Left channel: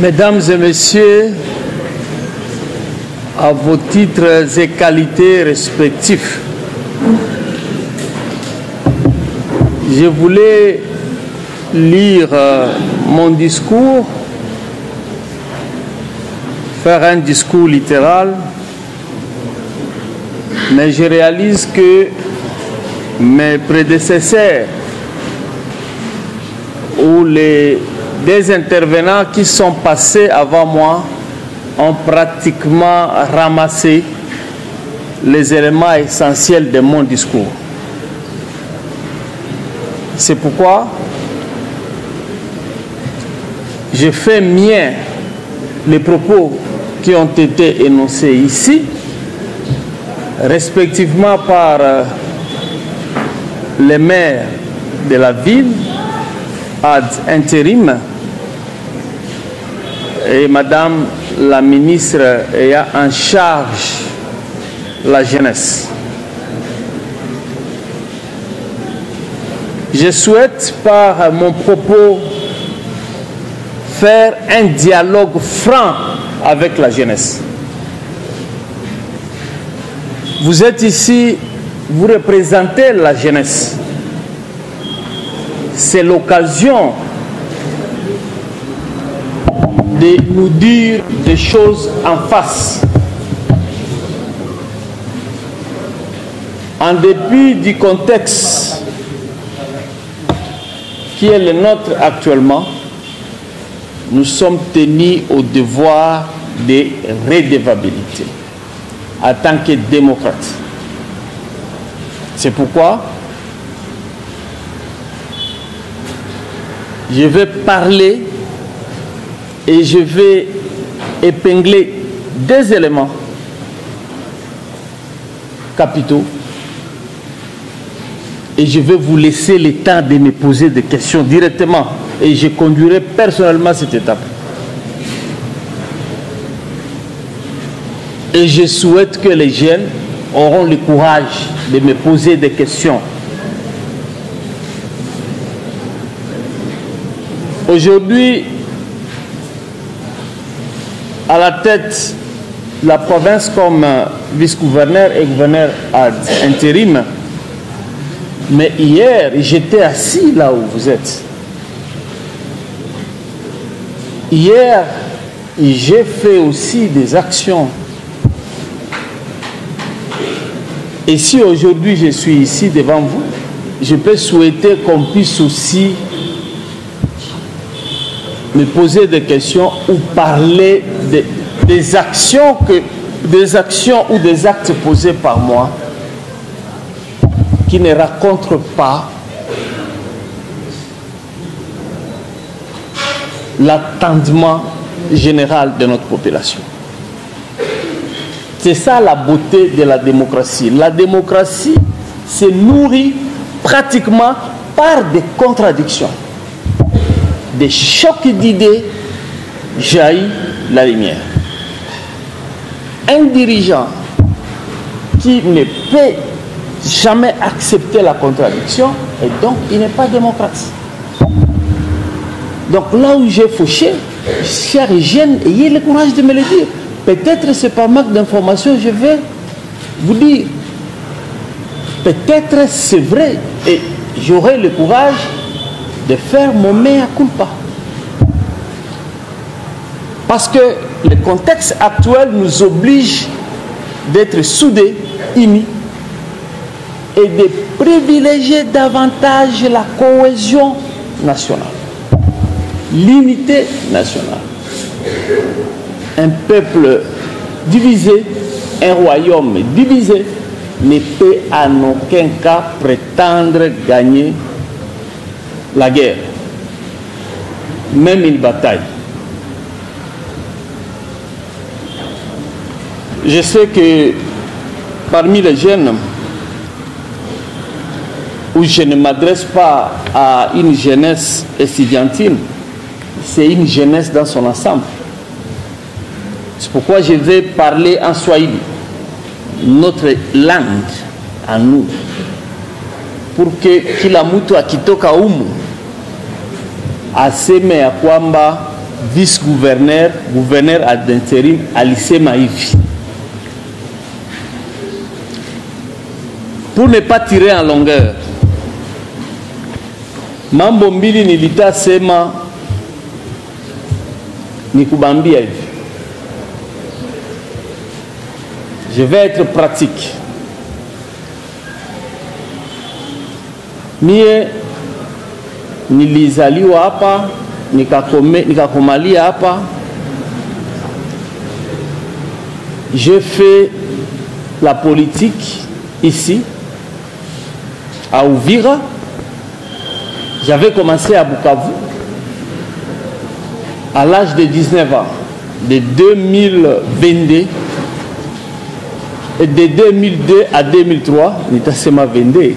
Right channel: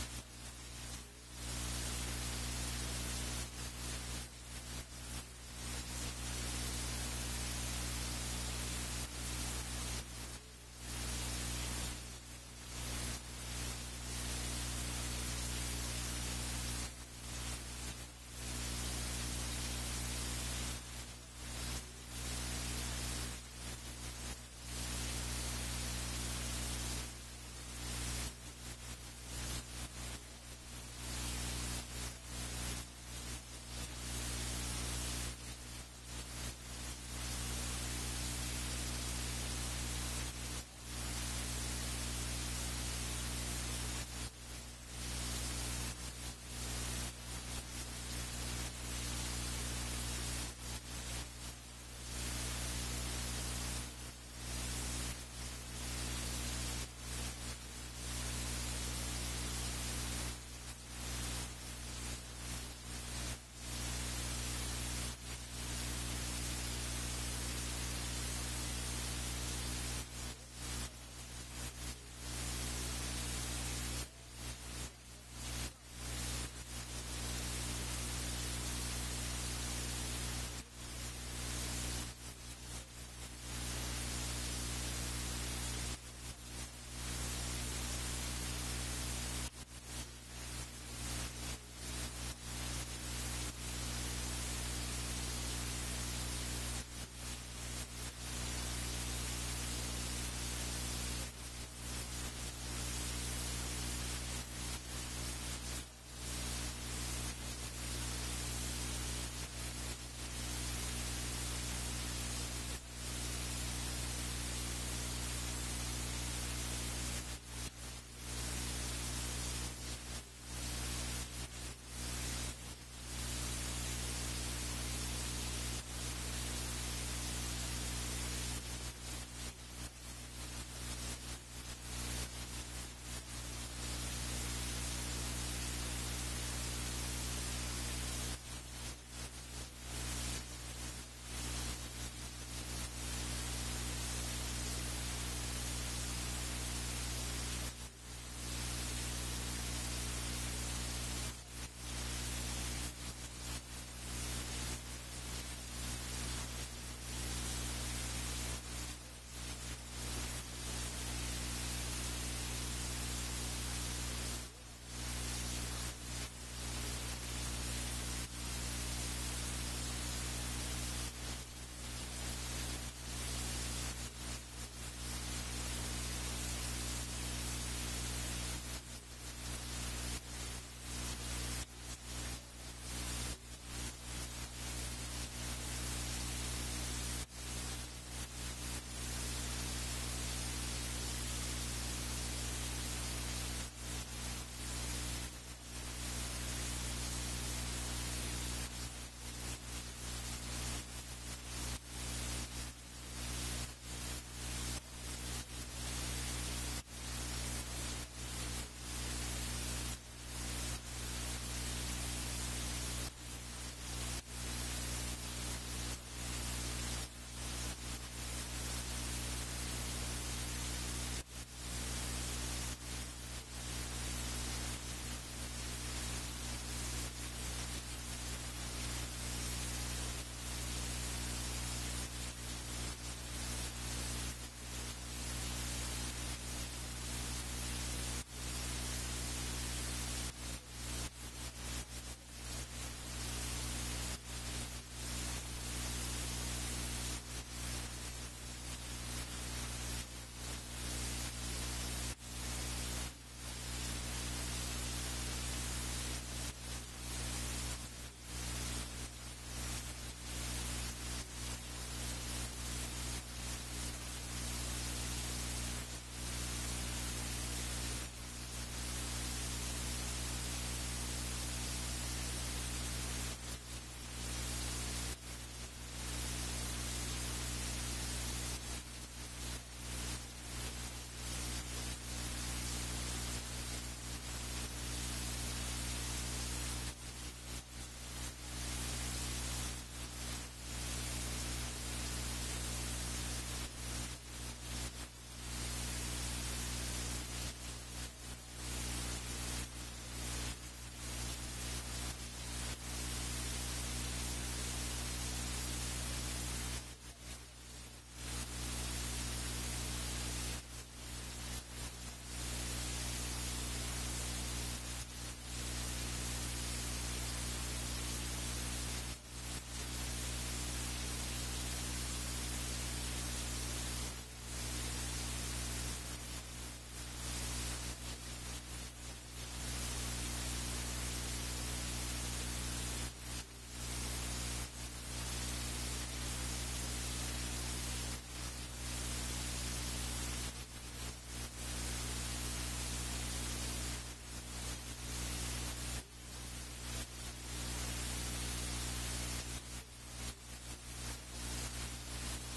Mesdames et messieurs, à vos titres et qualités respectifs, je voulais lire mon discours, faire un discours littéral, mais je réalise que mes prédécesseurs ou des intervenants qui sont passés avant moi ont pratiquement ramassé les éléments essentiels de mon discours. C'est pourquoi je fais mien les propos qui ont été énoncés ici, respectivement par les maires de la ville ad intérim et Madame la ministre ayant en charge la jeunesse. Je souhaite par mon propos faire un dialogue franc avec la jeunesse. Vous êtes ici, vous représentez la jeunesse. C'est l'occasion de nous dire des choses en face. En dépit du contexte qui est le nôtre actuellement, nous sommes tenus au devoir de redevabilité en tant que démocrates. C'est pourquoi je vais parler et je vais épingler des éléments capitaux et je vais vous laisser le temps de me poser des questions directement et je conduirai personnellement cette étape. Et je souhaite que les jeunes auront le courage de me poser des questions. Aujourd'hui, à la tête de la province comme vice-gouverneur et gouverneur ad intérim, mais hier, j'étais assis là où vous êtes. Hier, j'ai fait aussi des actions. Et si aujourd'hui je suis ici devant vous, je peux souhaiter qu'on puisse aussi me poser des questions ou parler des actions ou des actes posés par moi qui ne racontent pas l'attendement général de notre population. C'est ça la beauté de la démocratie. La démocratie se nourrit pratiquement par des contradictions. Des chocs d'idées jaillit la lumière. Un dirigeant qui ne peut jamais accepter la contradiction, et donc il n'est pas démocrate. Donc là où j'ai fauché, chers jeunes, ayez le courage de me le dire. Peut-être c'est par manque d'informations, je vais vous dire. Peut-être c'est vrai, et j'aurai le courage de faire mon mea culpa. Parce que le contexte actuel nous oblige d'être soudés, unis, et de privilégier davantage la cohésion nationale, l'unité nationale. Un peuple divisé, un royaume divisé, ne peut en aucun cas prétendre gagner la guerre, même une bataille. Je sais que parmi les jeunes, où je ne m'adresse pas à une jeunesse estudiantine, c'est une jeunesse dans son ensemble. C'est pourquoi je vais parler en Swahili, notre langue à nous, pour que kila mtu akitoka humu aseme ya kwamba vice-gouverneur, gouverneur ad intérim alisema hivi. Pour ne pas tirer en longueur, mambo mbili nilitasema nikubambia hivi. Je vais être pratique. Mie nilizaliwa hapa, nikakomalia hapa. J'ai fait la politique ici, à Uvira. J'avais commencé à Bukavu à l'âge de 19 ans, de 2022. Et de 2002 à 2003, nitasema 22.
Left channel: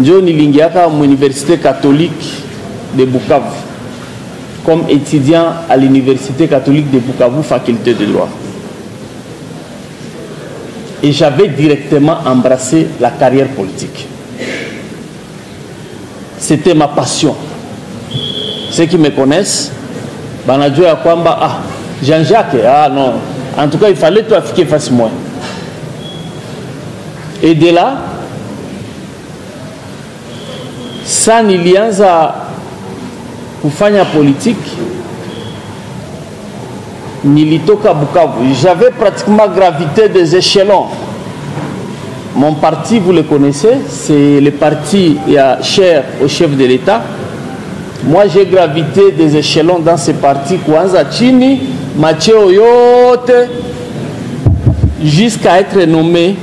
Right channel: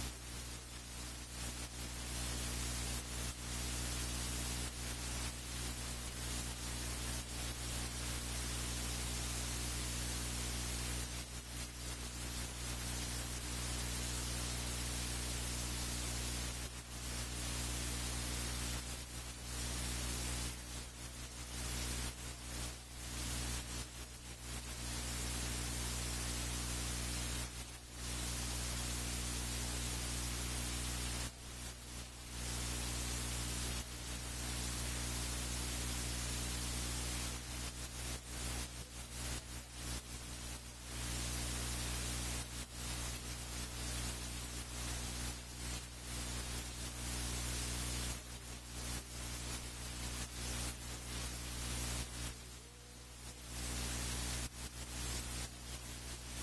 Njo nilingiaka l'université catholique de Bukavu comme étudiant à l'université catholique de Bukavu, faculté de droit. Et j'avais directement embrassé la carrière politique. C'était ma passion. Ceux qui me connaissent, banajua kwamba Jean-Jacques, non. En tout cas, il fallait tout afficher face moi. Et de là, ça nilianza kufanya politique, nilitoka Bukavu. J'avais pratiquement gravité des échelons. Mon parti, vous le connaissez, c'est le parti cher au chef de l'État. Moi, j'ai gravité des échelons dans ce parti, Kwanza Chini, Macheo Yote, jusqu'à être nommé.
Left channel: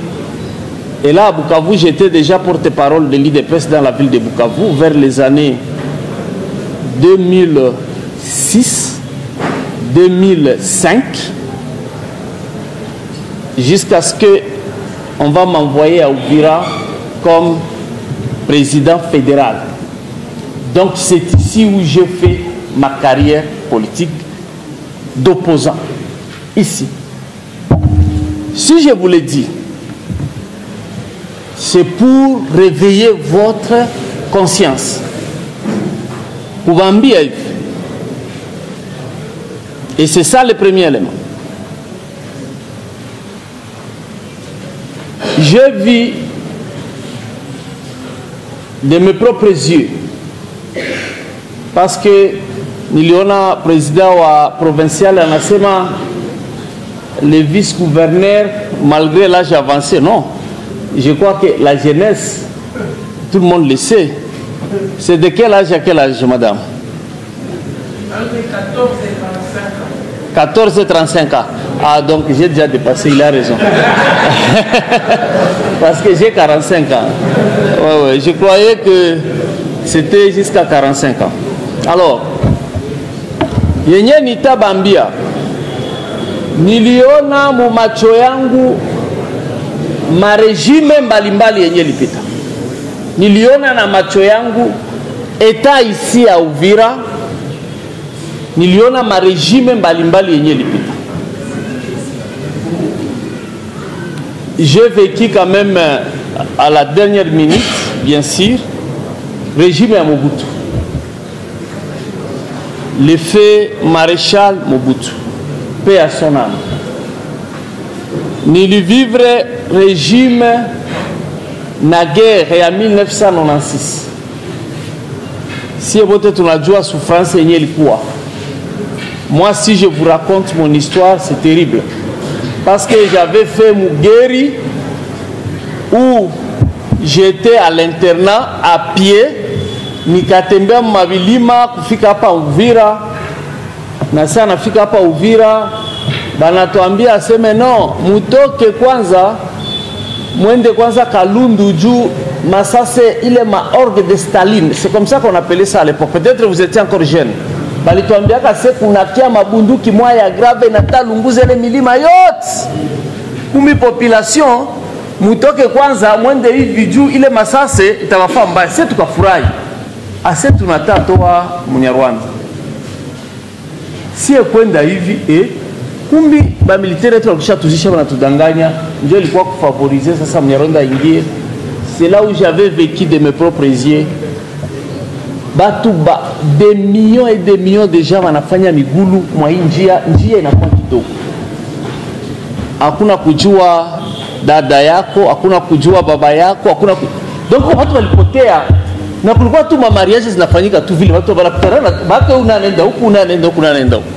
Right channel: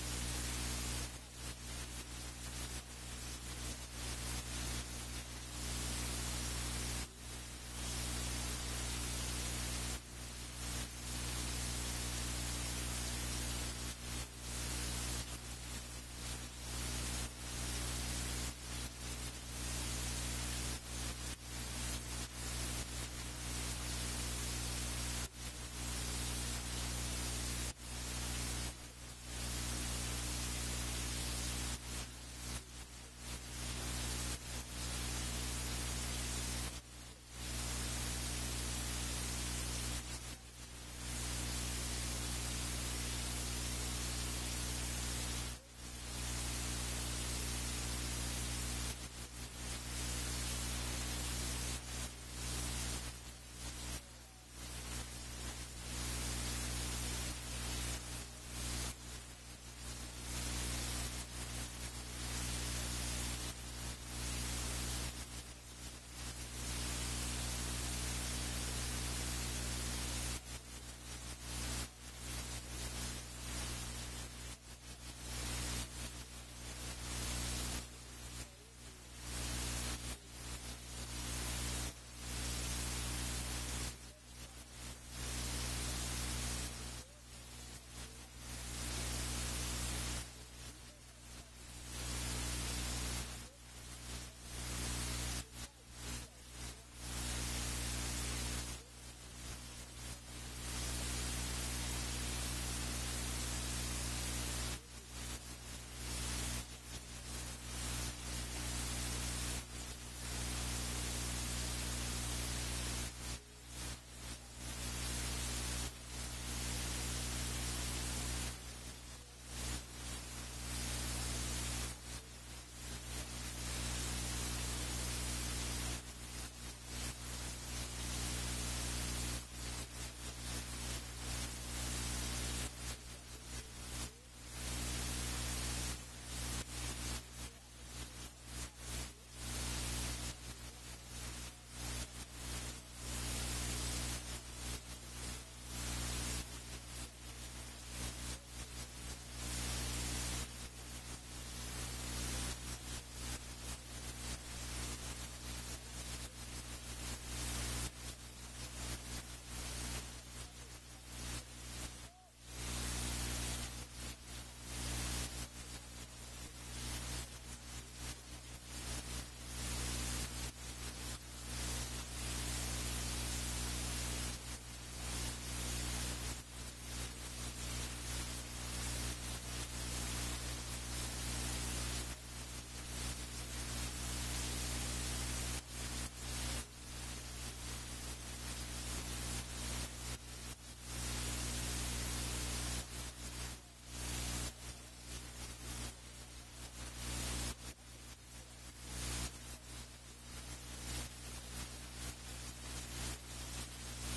Et là, à Bukavu, j'étais déjà porte-parole de l'IDPS dans la ville de Bukavu vers les années 2006, 2005, jusqu'à ce qu'on va m'envoyer à Uvira comme président fédéral. Donc c'est ici où j'ai fait ma carrière politique d'opposant. Ici. Si je vous l'ai dit, c'est pour réveiller votre conscience. Et c'est ça le premier élément. J'ai vu de mes propres yeux, parce que niliona président wa provincial anasema le vice-gouverneur malgré l'âge avancé. Non, je crois que la jeunesse, tout le monde le sait. C'est de quel âge à quel âge, madame? 14 et 35 ans. Ah, donc j'ai déjà dépassé, il a raison. Parce que j'ai 45 ans. Ouais, je croyais que c'était jusqu'à 45 ans. Alors, yenye nitabambia, niliona mu macho yangu marejime mbalimbali yenye lipita. Niliona na macho yangu eta ici à Uvira, niliona marejime mbalimbali yenye lipita. J'ai vécu quand même à la dernière minute, bien sûr, régime à Mobutu. L'effet maréchal Mobutu, paix à son âme. Ni le vivre régime naguère et en 1996. Si vous êtes la joie souffrance et quoi. Moi, si je vous raconte mon histoire, c'est terrible. Parce que j'avais fait Mugeri où j'étais à l'internat à pied. Nikatembea mabilima kufika hapa Uvira, na sasa nafika hapa Uvira banatuambia aseme no, mutoke kwanza mwende kwanza Kalundu juu masase ile orgue de Staline. C'est comme ça qu'on appelait ça à l'époque. Peut-être vous étiez encore jeune. Balituambia kase kunakia mabunduki moya grave na talunguza ile milima yote. Kumi population mutoke kwanza mwende hivi juu ile masase itawafaa mbaya. Sisi tukafurahi. Ase tunatatoa Munyarwanda. Si kwenda hivi kumbi ba militaire wetu wakisha tuzisha wanatudanganya, ndio ilikuwa kufavoriser sasa Munyarwanda ingie. C'est là où j'avais vécu de mes propres yeux batu des millions et des millions de gens wanafanya migulu mwa hii njia inakuwa kidogo. Hakuna kujua dada yako, hakuna kujua baba yako, hakuna donc watu walipotea na kulikuwa tu mariages zinafanyika tu vile watu wanakutana bado unaenda huku unaenda huku unaenda huku.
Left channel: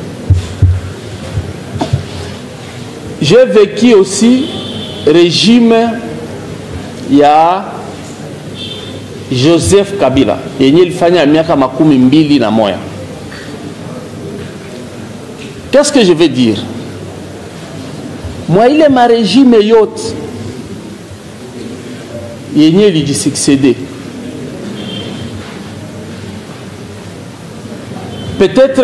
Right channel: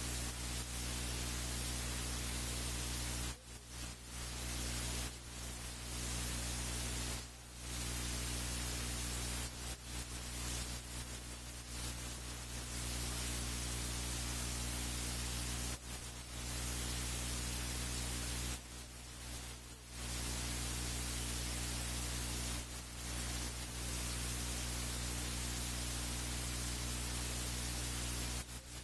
J'ai vécu aussi régime ya Joseph Kabila yenye ilifanya miaka 21. Qu'est-ce que je veux dire? Moi ile ma régime yote yenye ilijisuccéder, peut-être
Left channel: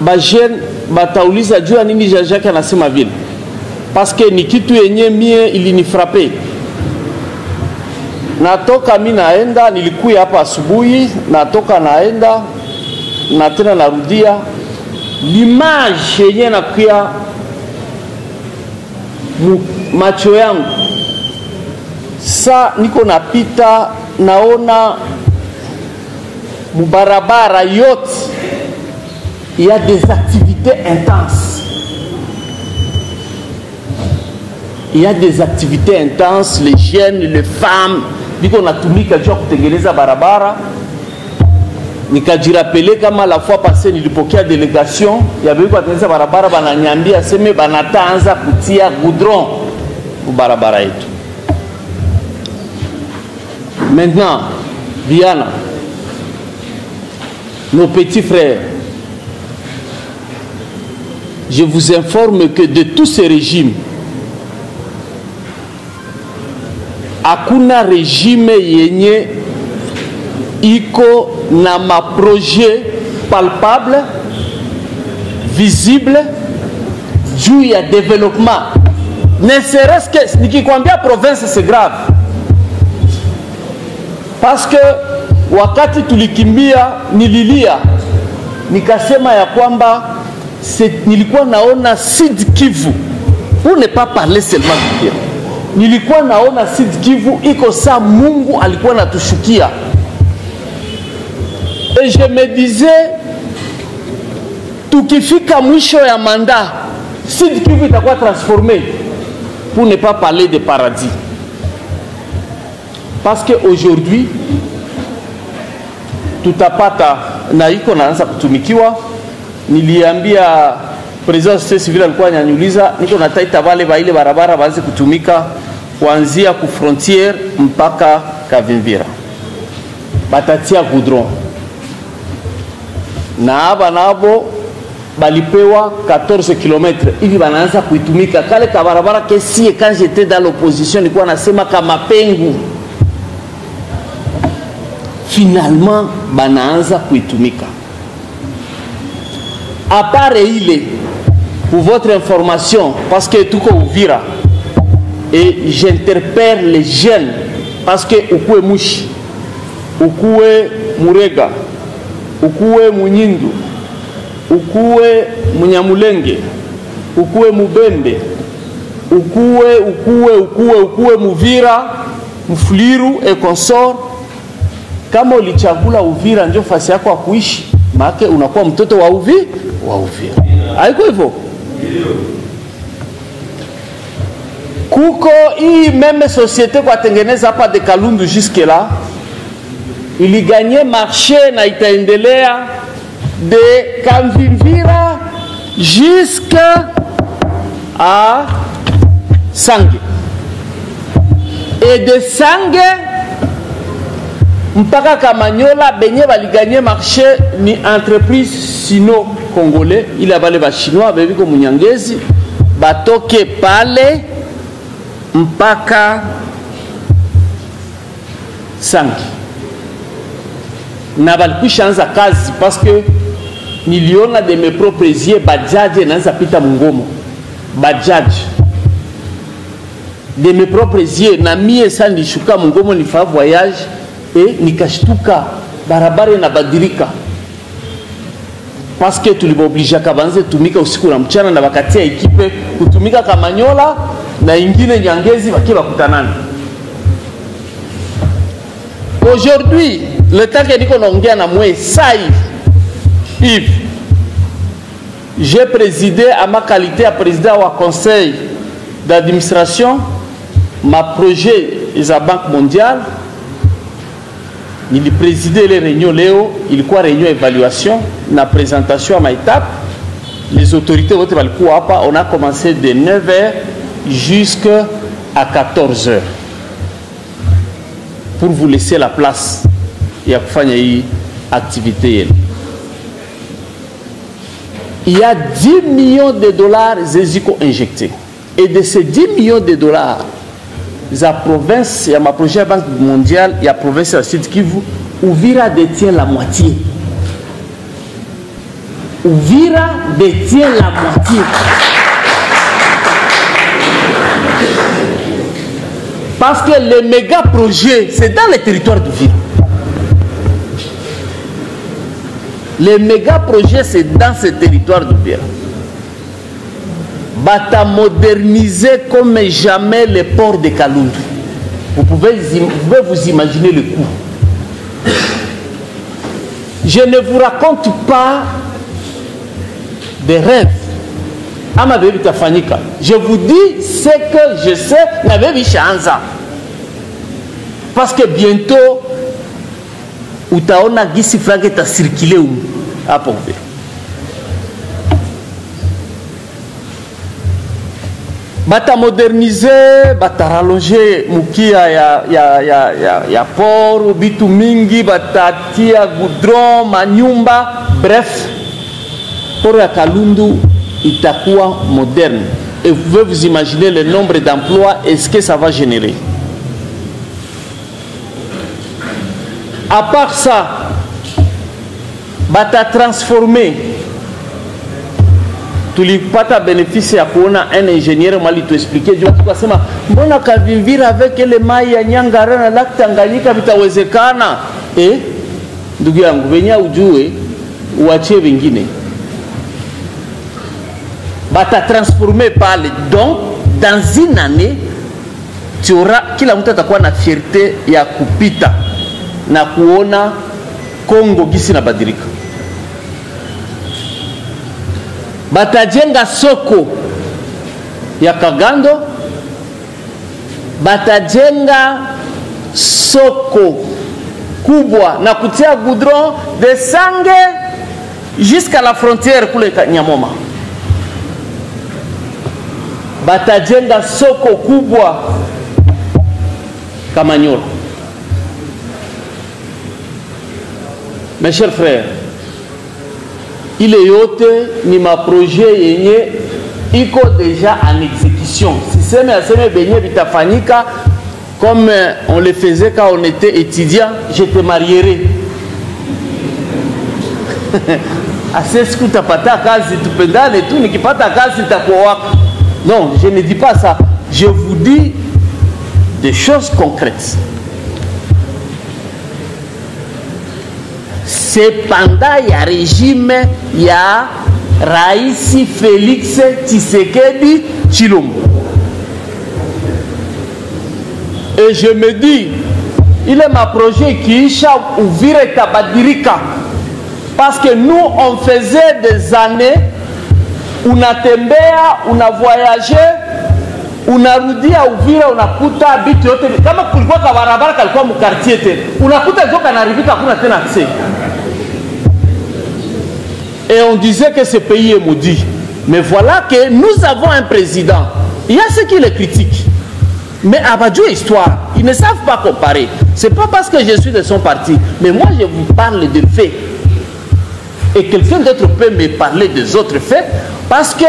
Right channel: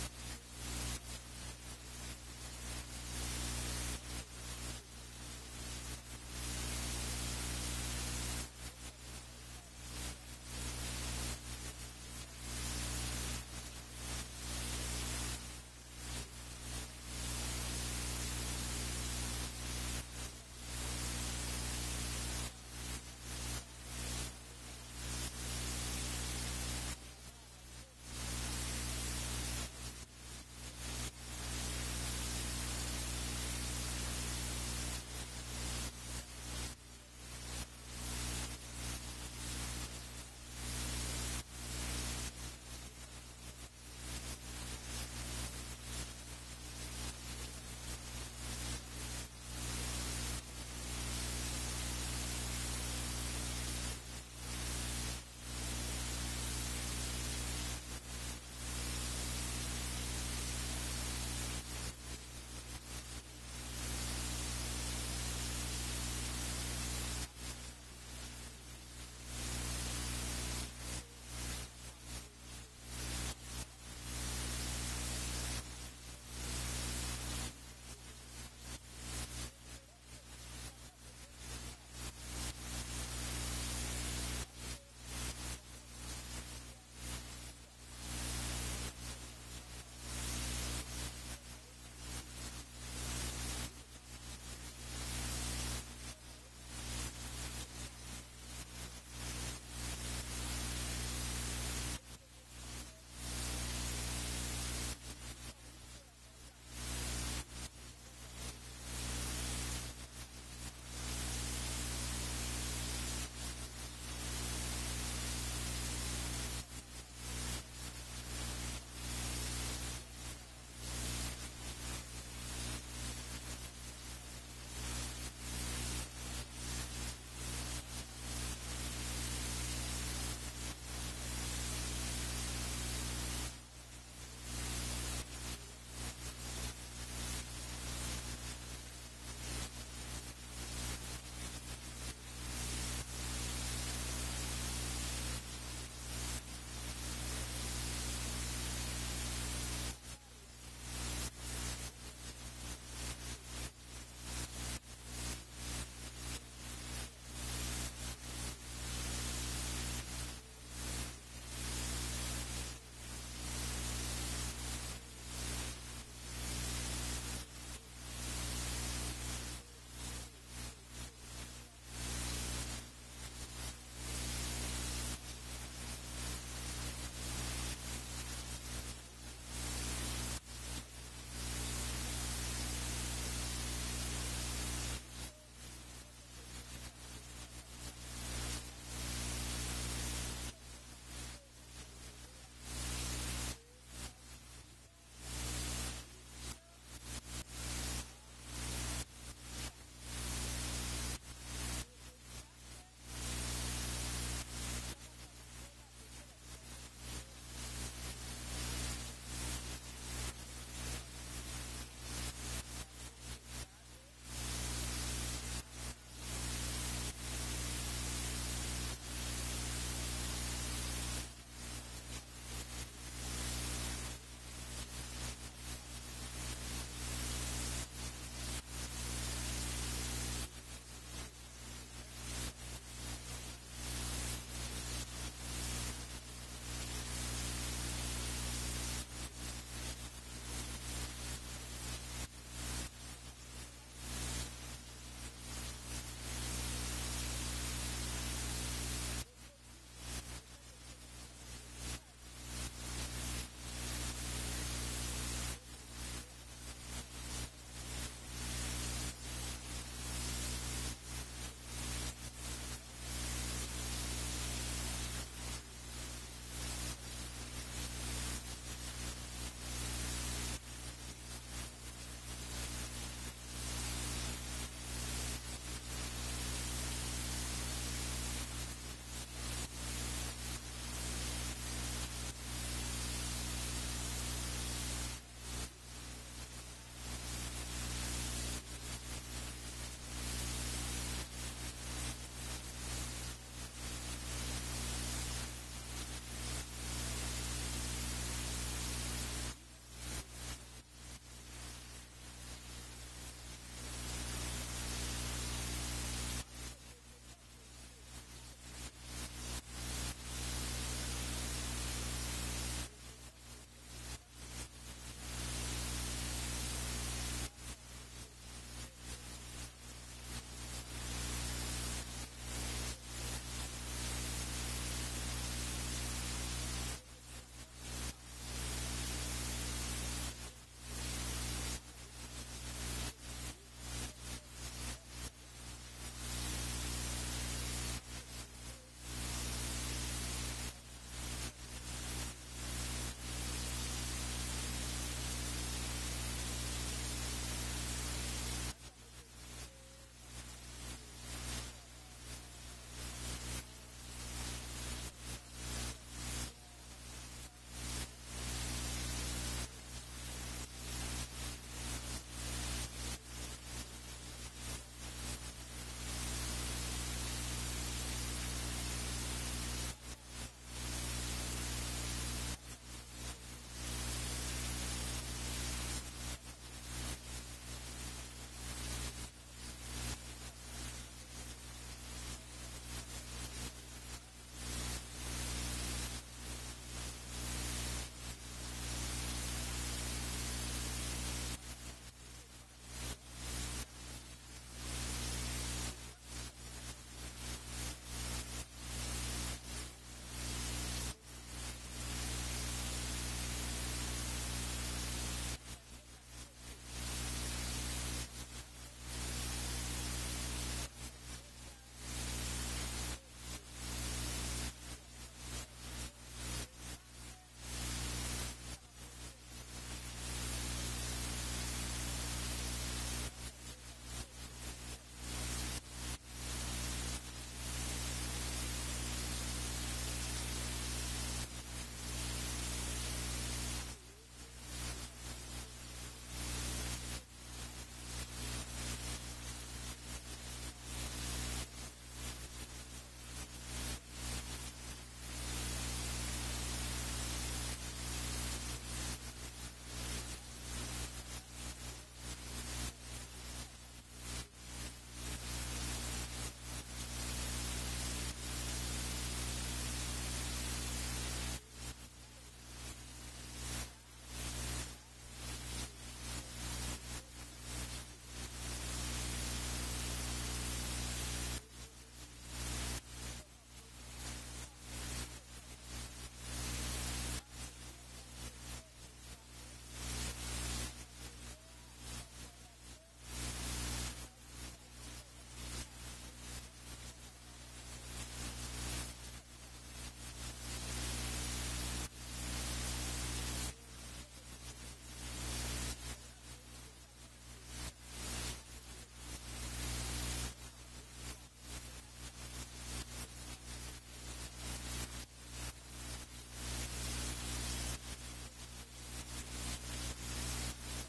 ba jeune batauliza jua nini Jean-Jacques anasema vile, parce que ni kitu yenye mie ilinifrape. Natoka mimi naenda, nilikuya hapa asubuhi, natoka naenda na tena narudia, l'image yenye nakuya macho yangu sa niko napita naona mubarabara yote il y a des activités intenses. Il y a des activités intenses, les jeunes, les femmes, biko natumika jua kutengeneza barabara. Nikajirapele kama la fois passée nilipokea délégation ya biko kutengeneza barabara, bananyambia seme banataanza kutia goudron ku barabara yetu. Maintenant, Diana, nos petits frères, je vous informe que de tous ces régimes, hakuna régime yenye iko na ma projet palpable, visible, juu ya développement. Ne serait-ce que, nikikwambia province c'est grave. Parce que wakati tulikimbia nililia, nikasema ya kwamba nilikuwa naona Sud Kivu, pour ne pas parler seulement de Kivu, nilikuwa naona Sud Kivu iko saa Mungu alikuwa natushukia. Et je me disais, tukifika mwisho ya mandat, Sud Kivu itakuwa transformé, pour ne pas parler de paradis. Parce qu'aujourd'hui, tutapata na iko naanza kutumikiwa. Niliambia president société civile alikuwa ananiuliza, niko nataita wale ba ile barabara baanze kutumika kuanzia ku frontière mpaka Kavimvira. Batatia goudron. Na aba nabo balipewa 14 km hivi banaanza kuitumika. Kale ka barabara kesi quand j'étais dans l'opposition nilikuwa nasema kama pengu. Finalement banaanza kuitumika. À part ile, pour votre information, parce que tout comme Uvira, et j'interpelle les jeunes, parce que ukue Mushi, ukue Murega, ukue Munyindu, ukue Munyamulenge, ukue Mubembe, ukue Muvira, Mfuliru et consort. Kama ulichagula Uvira ndio fasi yako ya kuishi, maana unakuwa mtoto wa Uvira. Haiko hivyo. Kuko hii même société kwa tengeneza hapa de Kalundu jusque là, ili gagner marché na itaendelea de Kavimvira jusqu'à Sange. Et de Sange mpaka Kamanyola benye bali gagner marché ni entreprise sino-congolais, il a balé ba chinois bebi ko Munyangezi batoke pale mpaka Sangi. Na balikwisha anza kazi parce que niliona de mes propres yeux bajaji naanza pita Mungomo. Bajaji de mes propres yeux na mie sa nishuka Mungomo nifa voyage et nikashtuka barabara na badilika. Parce que tuliboblisha kabanze tumika usiku na mchana na wakatia ekipe kutumika Kamanyola na ingine Nyangezi wakiwa kutanana. Aujourd'hui, le temps que niko naongea na mwe sai Yves, j'ai présidé à ma qualité à président au conseil d'administration ma projet de la Banque mondiale. Il présidait les réunions Léo, il quoi réunion évaluation, la présentation à ma étape. Les autorités on a commencé de 9h jusqu'à 14h pour vous laisser la place et à faire une activité. Il y a 10 millions de dollars injectés. Et de ces 10 millions de dollars, la province, il y a ma projet Banque mondiale, il y a la province de Sud Kivu, Uvira détient la moitié. Uvira détient la moitié. Parce que les méga projets, c'est dans les territoires d'Uvira. Les méga projets, c'est dans ces territoires d'Uvira. Bata moderniser comme jamais les ports de Kalundu. Vous pouvez vous imaginer le coût. Je ne vous raconte pas des rêves. Je vous dis ce que je sais. Parce que bientôt, utaona gisi flag est circulé à Pompe. Bata moderniser, bata rallonger mukia ya port, bitu mingi, bata tia goudron, manyumba, bref, port ya Kalundu itakuwa moderne. Et vous pouvez vous imaginer le nombre d'emplois et ce que ça va générer. À part ça, bata transformer. Tulipata bénéfice à kuona un ingénieur mali tu expliquer juu tukasema mbona Kavimvira avec ile mai ya Nyangara na Lake Tanganyika vitawezekana ndugu yangu venya ujue uachie vingine bata transformer pale. Donc dans une année tu auras kila mtu atakuwa na fierté ya kupita na kuona Kongo gisi na badilika. Batajenga soko ya Kagando, batajenga soko kubwa na kutia goudron de Sange jusqu'à la frontière kule Nyamoma. Batajenga soko kubwa Kamanyola. Mes chers frères, il est yote ni ma projet yenye iko déjà en exécution. Si c'est mais benye bitafanyika comme on le faisait quand on était étudiant, je te marierai. Assez ce que tu pata kazi tupendane tu nikipata kazi takuwa. Non, je ne dis pas ça. Je vous dis des choses concrètes. C'est pendant le régime ya Raisi Félix Tshisekedi Tshilombo. Et je me dis, il est ma projet qui est ouvrir Tabadirika. Parce que nous, on faisait des années, on a tembea, on a voyagé, unarudia Uvira unakuta bitu yote kama kulikuwa kwa barabara kalikuwa mu quartier tena unakuta joka naribika hakuna tena accès. Et on disait que ce pays est maudit. Mais voilà que nous avons un président. Il y a ceux qui le critiquent. Mais Abadjou histoire, ils ne savent pas comparer. C'est pas parce que je suis de son parti, mais moi je vous parle de faits. Et quelqu'un d'autre peut me parler des autres faits parce que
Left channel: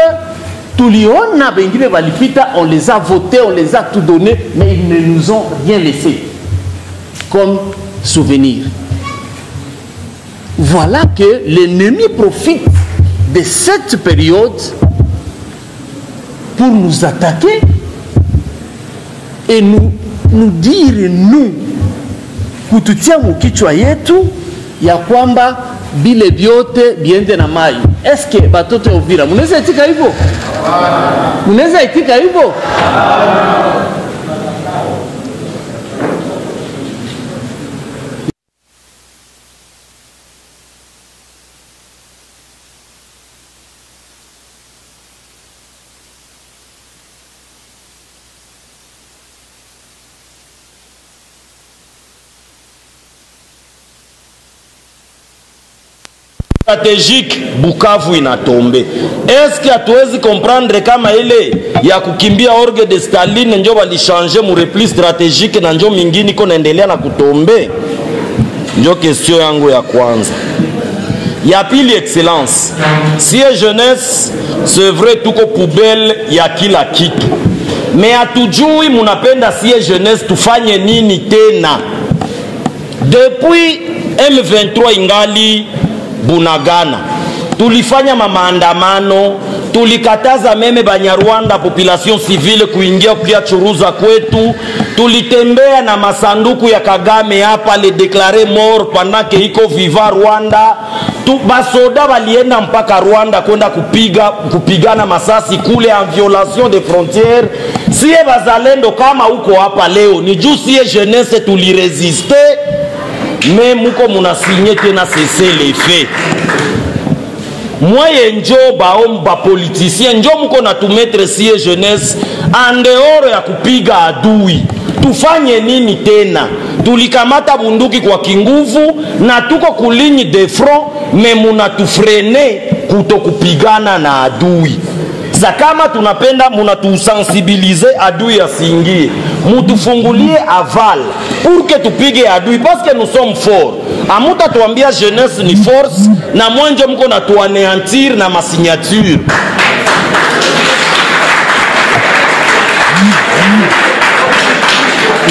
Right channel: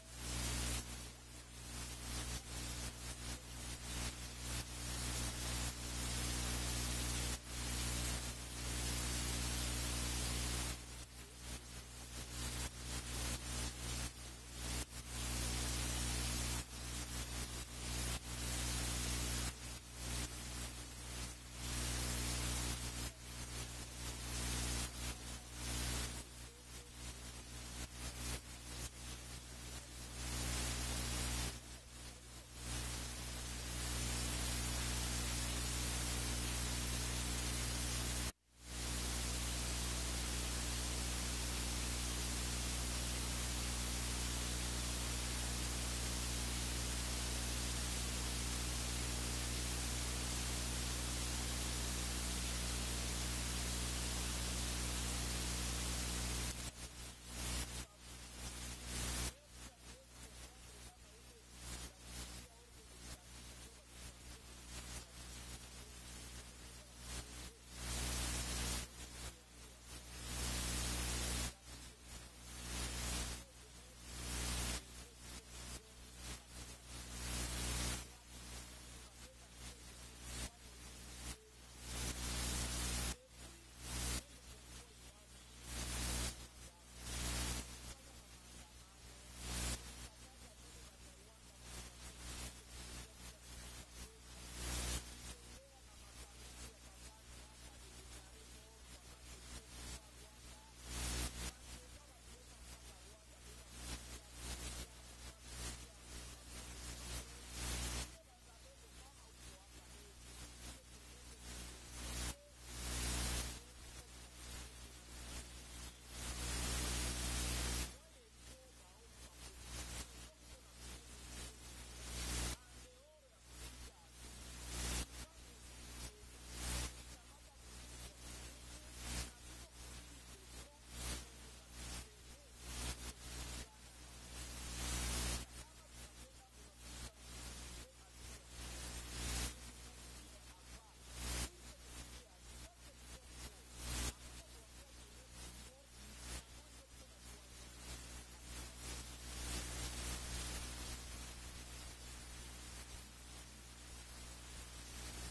on les a votés, on les a tout donné, mais ils ne nous ont rien laissé comme souvenir. Voilà que l'ennemi profite de cette période pour nous attaquer et nous dire, nous, kututia mukichwa yetu ya kwamba bile biote biende na mai. Est-ce que batoto Uvira munaweza itika hivyo? Munaweza itika hivyo? stratégique Bukavu inatombe. Est-ce que hatuwezi comprendre kama ile ya kukimbia orgue de Staline njo walishange mu repli stratégique na njo mingine iko naendelea na kutombe? Njo question yangu ya kwanza. Ya pili, excellence, si jeunesse c'est vrai tuko poubelle ya kila kitu, me hatujui munapenda si jeunesse tufanye nini tena? Depuis M23 ingali Bunagana, tulifanya maandamano, tulikataza meme Banyarwanda population civile kuingia churuza kwetu, tulitembea na masanduku ya Kagame hapa le déclarer mort pendant que iko viva Rwanda. Basoda balienda mpaka Rwanda kwenda kupigana masasi kule en violation des frontières. Siye bazalendo kama uko hapa leo ni juu siye jeunesse tuliresiste, mais muko munasinye tena cesser les faits. Mwaye njo baomba politicien njo muko na tumetre siye jeunesse en dehors ya kupiga adui. Tufanye nini tena? Tulikamata bunduki kwa kinguvu na tuko kulinyi de front, me munatufrene kutokupigana na adui. Za kama tunapenda munatusensibilize adui asingie, mutufungulie aval pour que tupige adui, parce que nous sommes forts. Amuta tuambia jeunesse ni force na mwenje mko na tuaneantir na masignature.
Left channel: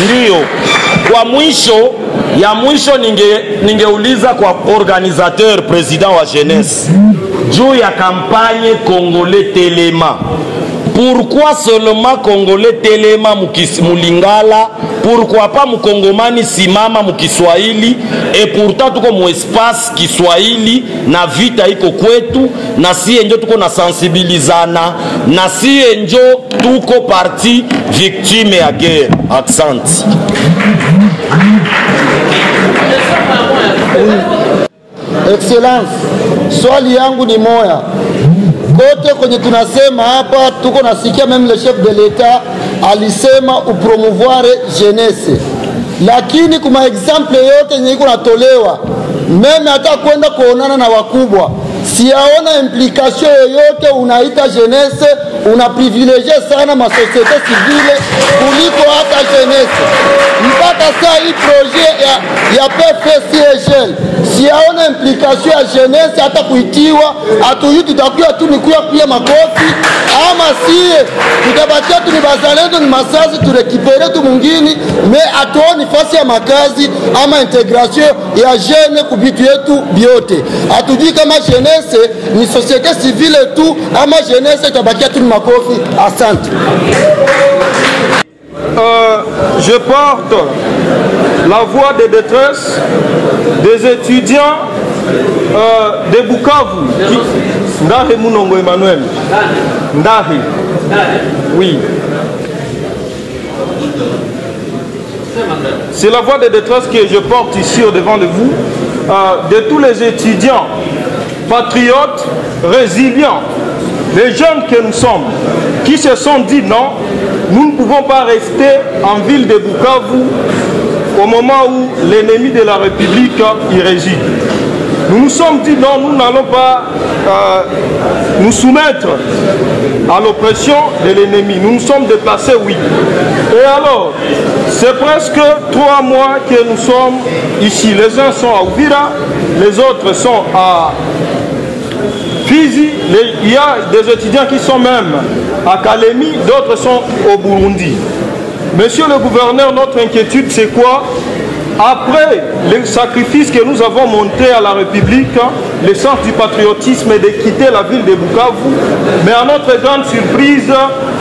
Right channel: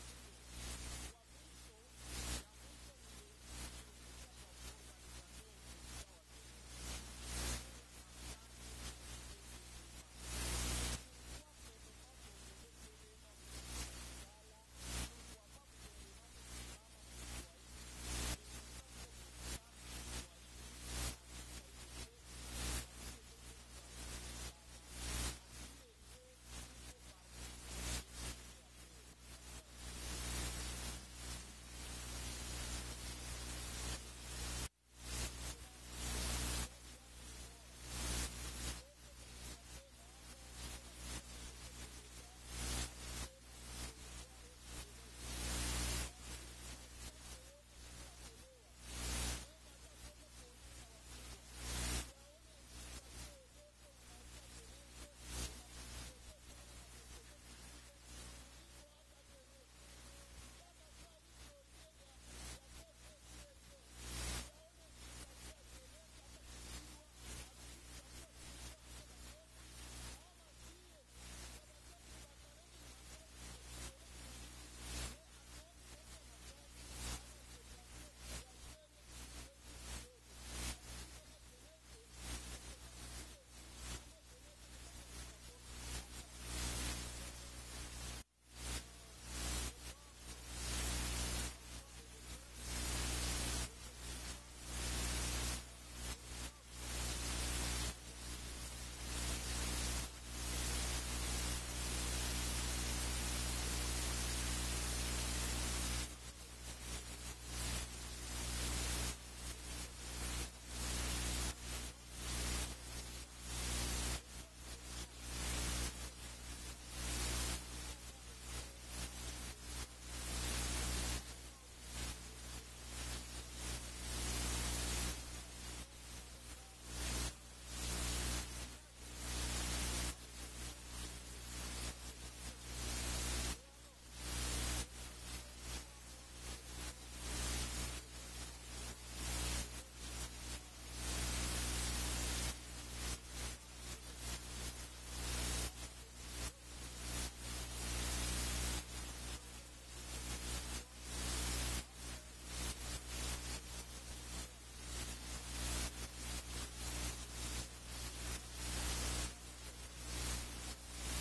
Ndiyo, kwa mwisho ya mwisho ningeuliza kwa organisateur président wa jeunesse juu ya campagne Congolais Telema. Pourquoi seulement Congolais Telema mulingala? Pourquoi pas mukongomani simama mukiswahili? Et pourtant tuko mu espace Kiswahili na vita iko kwetu, na siye njo tuko na sensibilizana, na siye njo tuko parti victime ya guerre. Accent. Excellence, swali yangu ni moya. Kote kwenye tunasema hapa tuko nasikia meme le chef de l'État alisema upromouvoir jeunesse, lakini kuma exemple yote yenye iko natolewa meme hata kwenda kuonana na wakubwa siyaona implication yoyote. Unaita jeunesse, una privilégier sana ma société civile kuliko hata jeunesse. Mpaka saa hii projet ya PFCGL siyaona implication ya jeunesse hata kuitiwa. Atuyu tutakuya tu ni kuya makofi, ama siye tutabatia tu ni bazalendo ni masasi turekipere tu mungini, me atuoni fasi ya makazi ama integration ya jeune kubitu yetu biote. Atujui kama jeunesse ni société civile tu ama jeunesse tabakia tu ni makofi. Asante. Je porte la voix de détresse des étudiants de Bukavu. Ndahe Munongo Emmanuel. Ndahe. Oui. C'est la voix de détresse que je porte ici au devant de vous, de tous les étudiants patriotes, résilients, les jeunes que nous sommes, qui se sont dit non, nous ne pouvons pas rester en ville de Bukavu au moment où l'ennemi de la République y réside. Nous nous sommes dit non, nous n'allons pas nous soumettre à l'oppression de l'ennemi. Nous nous sommes déplacés, oui. Et alors, c'est presque 3 mois que nous sommes ici. Les uns sont à Uvira, les autres sont à Fizi. Il y a des étudiants qui sont même à Kalemi, d'autres sont au Burundi. Monsieur le gouverneur, notre inquiétude c'est quoi? Après les sacrifices que nous avons montrés à la République, l'essence du patriotisme est de quitter la ville de Bukavu, mais à notre grande surprise,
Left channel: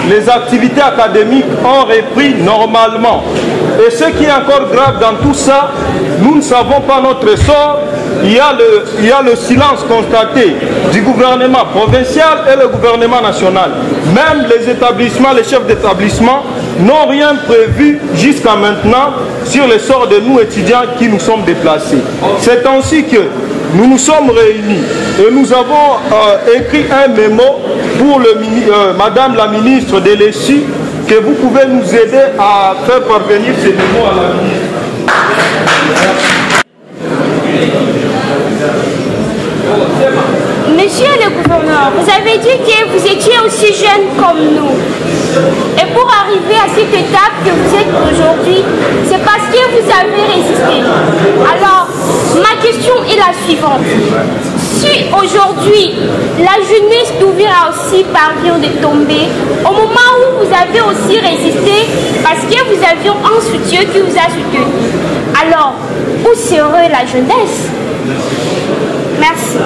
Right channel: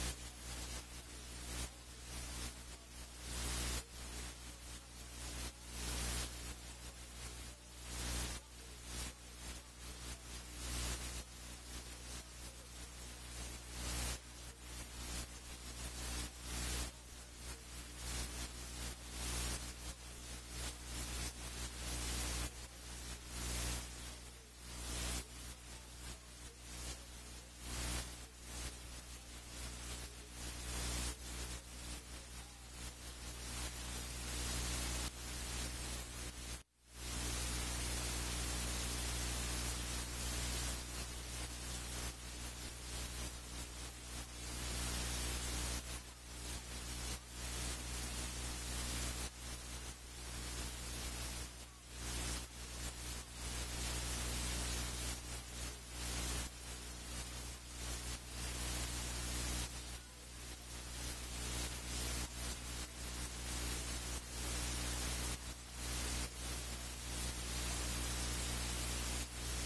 les activités académiques ont repris normalement. Et ce qui est encore grave dans tout ça, nous ne savons pas notre sort. Il y a le silence constaté du gouvernement provincial et le gouvernement national. Même les établissements, les chefs d'établissement n'ont rien prévu jusqu'à maintenant sur le sort de nous étudiants qui nous sommes déplacés. C'est ainsi que nous nous sommes réunis et nous avons écrit un mémo pour Madame la ministre de l'ESU, que vous pouvez nous aider à faire parvenir ces mémos à la ministre. dit que vous étiez aussi jeune comme nous. Et pour arriver à cette étape que vous êtes aujourd'hui, c'est parce que vous avez résisté. Alors, ma question est la suivante. Si aujourd'hui, la jeunesse d'Ouvira aussi parvient de tomber, au moment où vous avez aussi résisté, parce que vous aviez un soutien qui vous a soutenu, alors, où serait la jeunesse? Merci.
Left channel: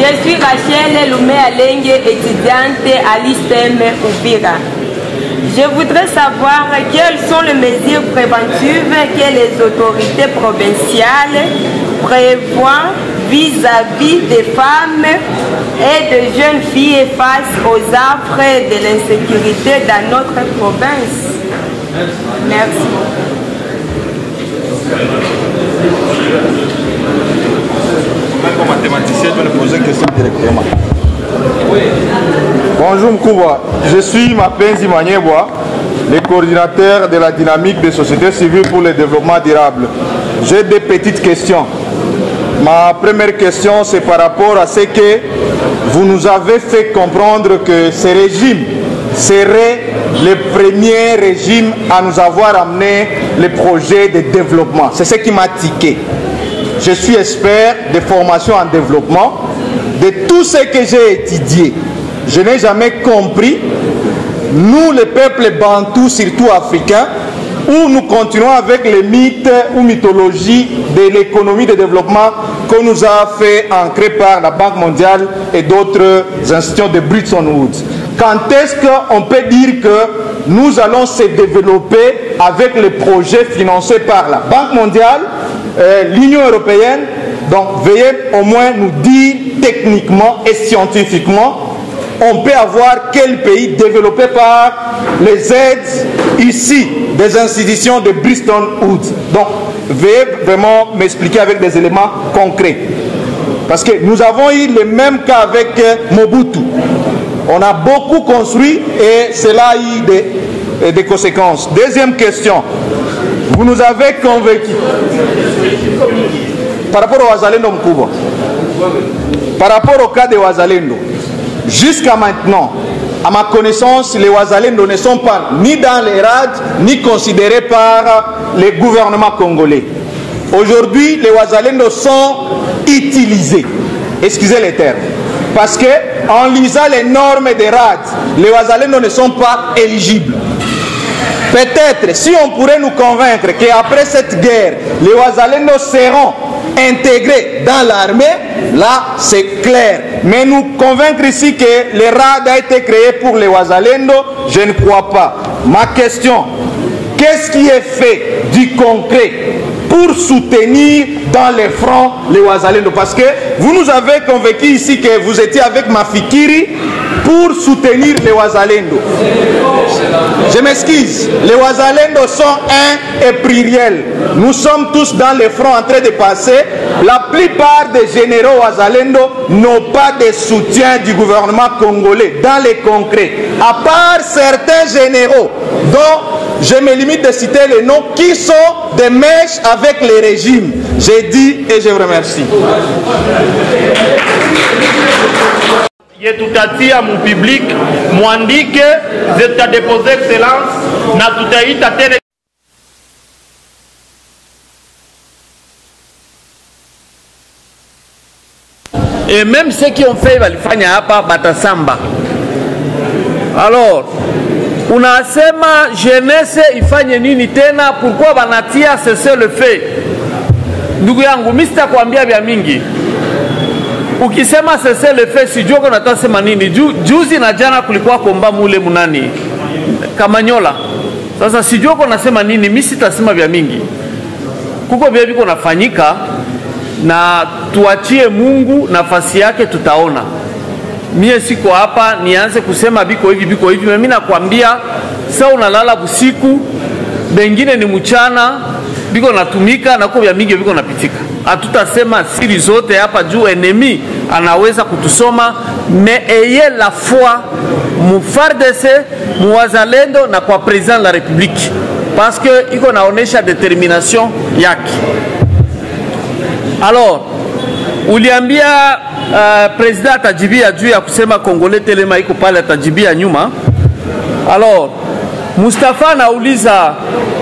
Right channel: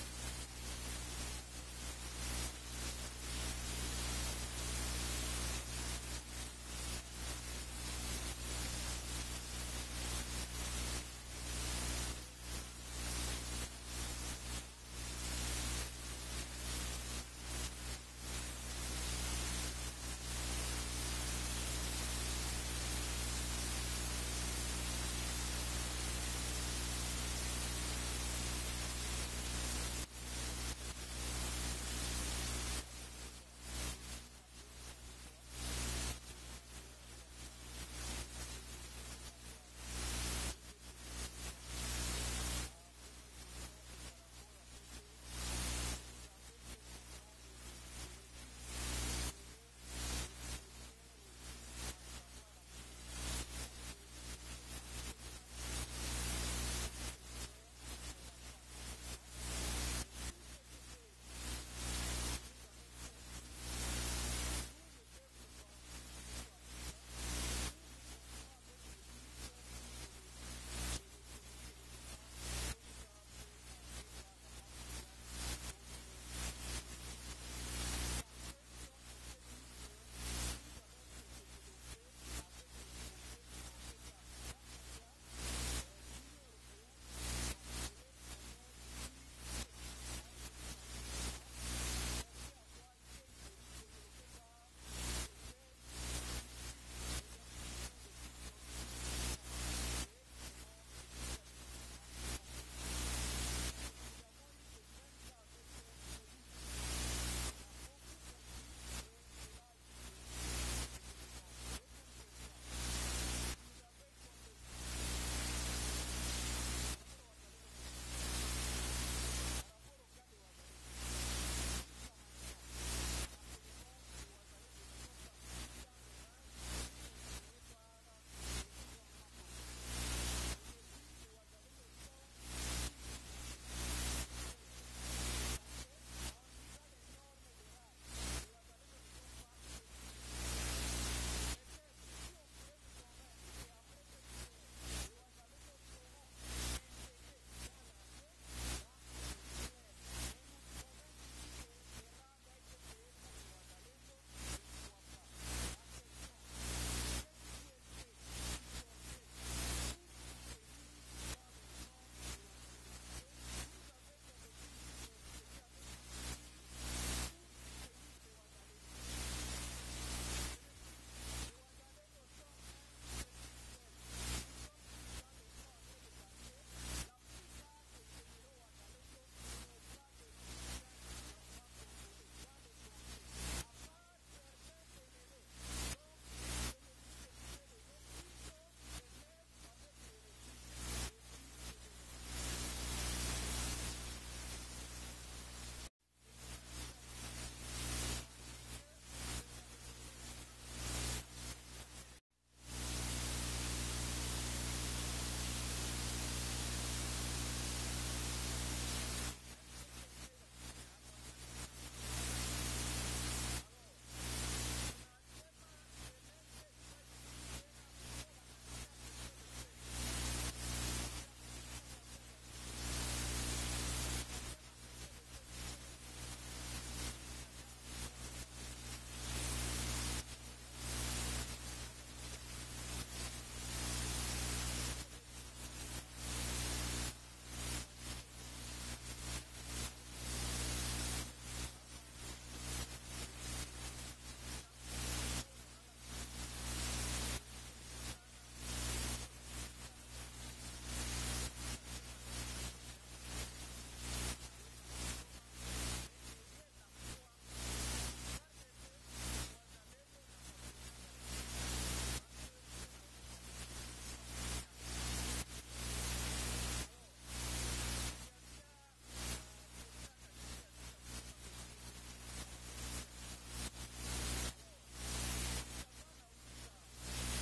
Je suis Rachel Loumé Alenge, étudiante à l'ISTEM Ouvira. Je voudrais savoir quelles sont les mesures préventives que les autorités provinciales prévoient vis-à-vis des femmes et de jeunes filles face aux affres de l'insécurité dans notre province. Merci. Comme mathématicien, je vais poser une question directement. Bonjour Mkouba, je suis Mapenzi Manyebwa, le coordinateur de la dynamique des sociétés civiles pour le développement durable. J'ai des petites questions. Ma première question, c'est par rapport à ce que vous nous avez fait comprendre que ce régime serait le premier régime à nous avoir amené les projets de développement. C'est ce qui m'a tiqué. Je suis expert de formation en développement. De tout ce que j'ai étudié, je n'ai jamais compris, nous les peuples bantous, surtout africains, où nous continuons avec les mythes ou mythologies de l'économie de développement qu'on nous a fait ancrer par la Banque mondiale et d'autres institutions de Bretton Woods. Quand est-ce qu'on peut dire que nous allons se développer avec les projets financés par la Banque mondiale, l'Union européenne? Donc veuillez au moins nous dire techniquement et scientifiquement, on peut avoir quel pays développé par les aides ici des institutions de Bretton Woods. Donc veuillez vraiment m'expliquer avec des éléments concrets. Parce que nous avons eu le même cas avec Mobutu. On a beaucoup construit et cela a eu des conséquences. Deuxième question, vous nous avez convaincus. Par rapport au Wazalendo Mkouba, par rapport au cas de Wazalendo, jusqu'à maintenant, à ma connaissance, les Wazalendo ne sont pas ni dans les RAD, ni considérés par les gouvernements congolais. Aujourd'hui, les Wazalendo sont utilisés, excusez les termes, parce que en lisant les normes des RAD, les Wazalendo ne sont pas éligibles. Peut-être, si on pourrait nous convaincre qu'après cette guerre, les Wazalendo seront intégrés dans l'armée, là c'est clair. Mais nous convaincre ici que le RAD a été créé pour les Wazalendo, je ne crois pas. Ma question, qu'est-ce qui est fait du concret pour soutenir dans les fronts les Wazalendo? Parce que vous nous avez convaincu ici que vous étiez avec Mafikiri pour soutenir les Wazalendo. Je m'excuse, les Wazalendo sont un et pluriel. Nous sommes tous dans les fronts en train de passer. La plupart des généraux Wazalendo n'ont pas de soutien du gouvernement congolais dans les concrets. À part certains généraux dont je me limite de citer les noms qui sont des mèches avec les régimes. J'ai dit et je vous remercie. Yetutatia mu public mwandike zitadepose excellence na tutaita tena. Et même ceux qui ont fait walifanya hapa batasamba. Alors, unasema jeunesse ifanye nini tena? Pourquoi banatia cesser le fait? Ndugu yangu, mimi sitakwambia vya mingi. Ukisema cesser le fait, sijua kwa natasema nini. Juzi na jana kulikuwa komba mule munani Kamanyola. Sasa sijua kwa nasema nini, mimi sitasema vya mingi. Kuko vya viko nafanyika na tuachie Mungu nafasi yake, tutaona. Mie siko hapa nianze kusema biko hivi. Mimi nakwambia sasa unalala busiku, bengine ni mchana, biko natumika na kwa vya mingi biko napitika. Hatutasema siri zote hapa juu enemy anaweza kutusoma, mais ayez la foi mu FARDC muwazalendo na kwa president la republique, parce que iko naonesha determination yake. Alors uliambia president atajibia juu ya kusema Kongole Telema iko pale, atajibia nyuma. Alors Mustafa anauliza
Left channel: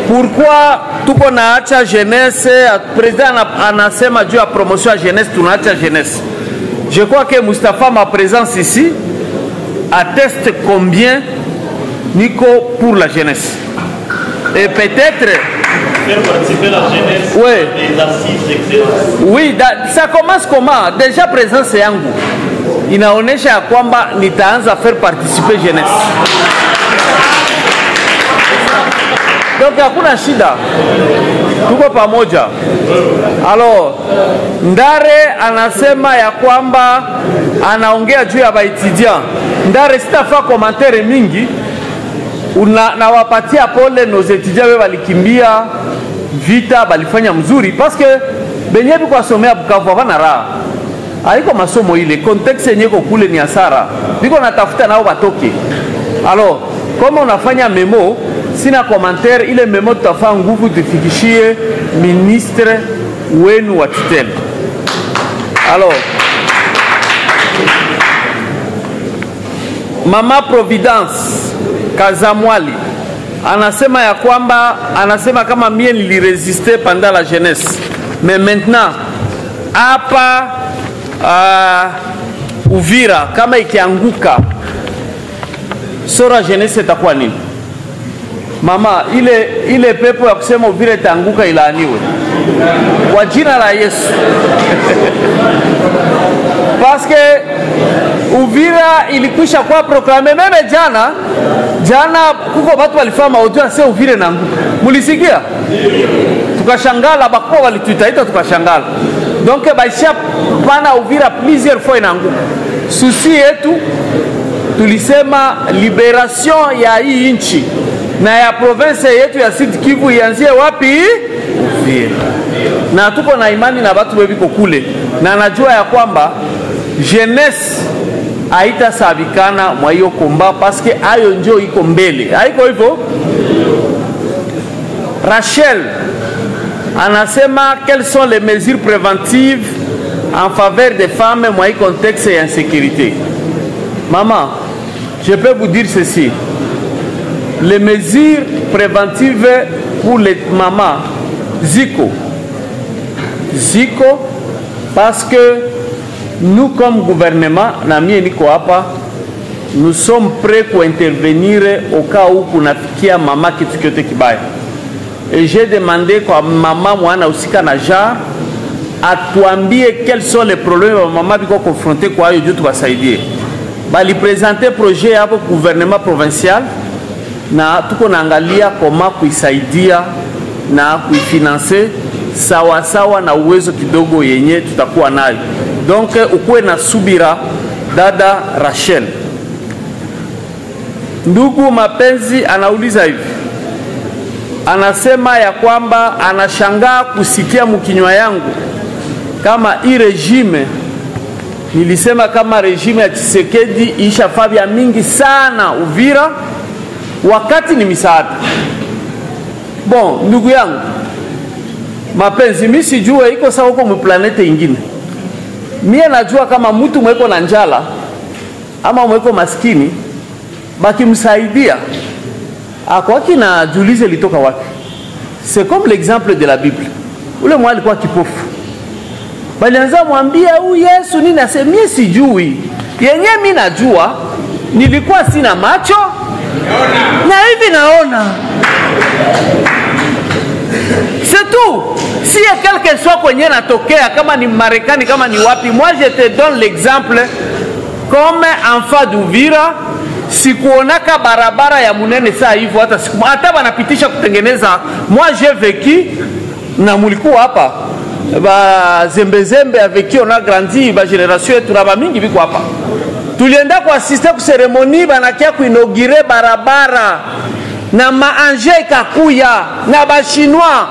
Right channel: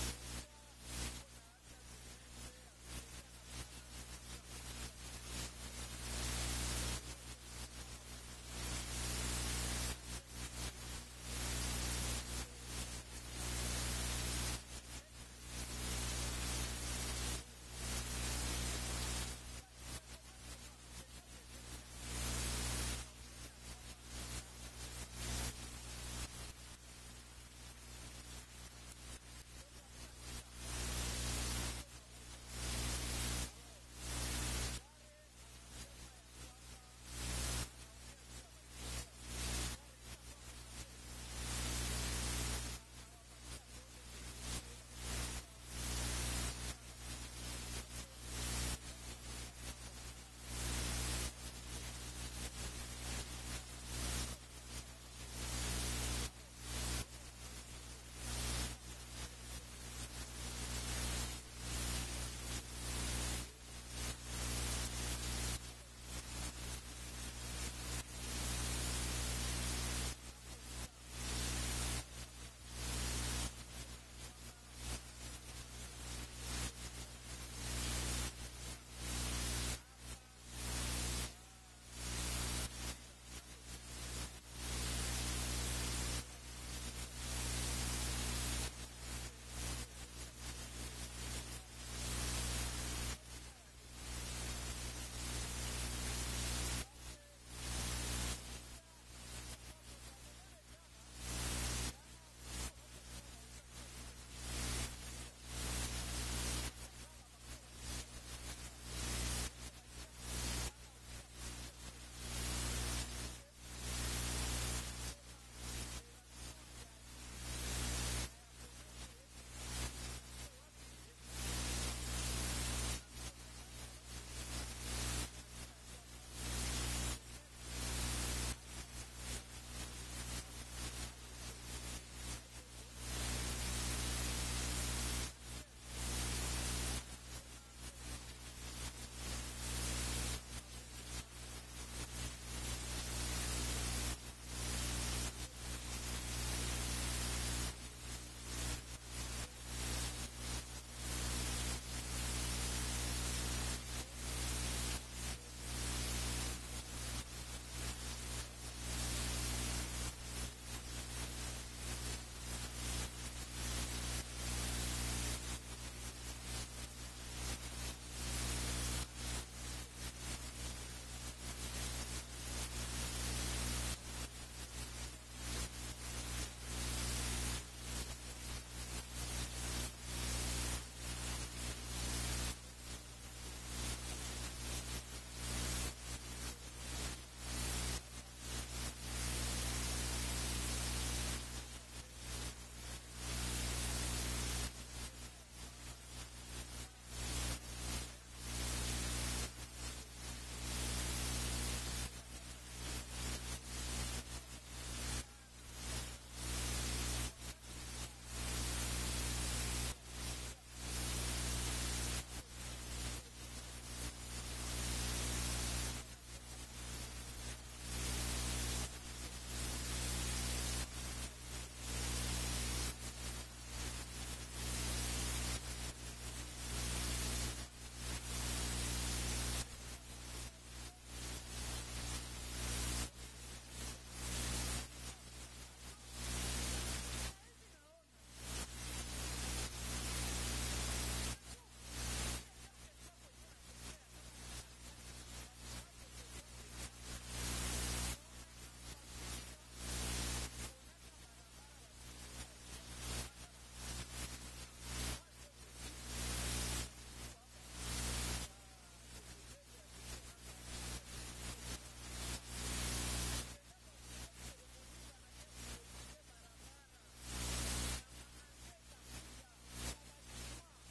pourquoi tuko naacha jeunesse, president anasema juu ya promotion ya jeunesse tunaacha jeunesse. Je crois que Mustafa, ma présence ici atteste combien Nico pour la jeunesse. Et peut-être faire participer la jeunesse des assises d'excellence. Oui, ça commence comment? Déjà présence yangu inaonesha ya kwamba nitaanza faire participer jeunesse. Donc hakuna shida, tuko pamoja. Alors Ndare anasema ya kwamba anaongea juu ya baetudiant. Ndare sitafa commentaire mingi, na wapatia pole nos étudiants wale walikimbia vita, balifanya mzuri parce que benye biko asomea Bukavu havana raha. Haiko masomo ile, contexte yenye ko kule ni hasara. Biko natafuta nao batoke. Alors kama unafanya memo, sina commentaire, ile memo tutafaa nguvu tufikishie ministre wenu wa tutelle. Alors Mama Providence Kazamwali anasema ya kwamba, anasema kama mie niliresiste pendant la jeunesse, mais maintenant hapa Uvira kama ikianguka sora jeunesse itakuwa nini? Mama, ile pepo ya kusema Uvira itaanguka ilaaniwe kwa jina la Yesu. Parce que Uvira ilikwisha kwa proklame meme jana kuko watu walifanya audio ase Uvira na anguka. Mulisikia? Tukashangala, bakwa walituitaita tukashangala. Donc baisha pana Uvira plusieurs fois inaanguka. Susi yetu tulisema liberation ya hii nchi na ya province yetu ya Sud Kivu ianzie wapi? Uvira. Na tuko na imani na watu webiko kule, na najua ya kwamba jeunesse haita sabikana mwa hiyo komba parce que ayo njo iko mbele. Haiko hivyo? Rachel anasema quelles sont les mesures préventives en faveur des femmes dans ce contexte d'insécurité. Maman, je peux vous dire ceci. Les mesures préventives pour les mamans, Zico, parce que nous comme gouvernement, nous sommes prêts pour intervenir au cas où kunafikia mama kitu kyote kibaya. Et j'ai demandé kwa mama mwana usika na jar atuambie quels sont les problèmes mama biko confronté kwa hiyo juu tuwasaidie. Bali présenter projet hapo gouvernement provincial na tuko naangalia koma kuisaidia na kuifinancer sawa sawa na uwezo kidogo yenye tutakuwa nayo. Donc ukuwe na subira dada Rachel. Ndugu mapenzi anauliza hivi. Anasema ya kwamba anashangaa kusikia mkinywa yangu kama hii regime, nilisema kama regime ya Tshisekedi ishafanya mingi sana Uvira wakati ni misaada. Bon, ndugu yangu mapenzi, mimi sijue iko sawa huko mplanete ingine. Mie najua kama mtu mweko na njala ama mweko maskini bakimsaidia akwaki na julize litoka wapi. C'est comme l'exemple de la Bible. Ule mwa alikuwa kipofu, balianza mwambia huyu Yesu nini, asemie sijui. Yenye mimi najua nilikuwa sina macho na hivi naona. C'est tout. Si ya quelque soit kwenye natokea, kama ni Marekani kama ni wapi, moi je te donne l'exemple comme enfant d'Uvira. Sikuonaka barabara ya munene saa hivyo hata siku hata wanapitisha kutengeneza. Moi j'ai vécu na mulikuwa hapa ba zembe avec qui on a grandi, ba génération yetu na ba mingi biko hapa. Tulienda kwa assiste ku cérémonie banakia kuinaugurer barabara na maanje ikakuya na ba chinois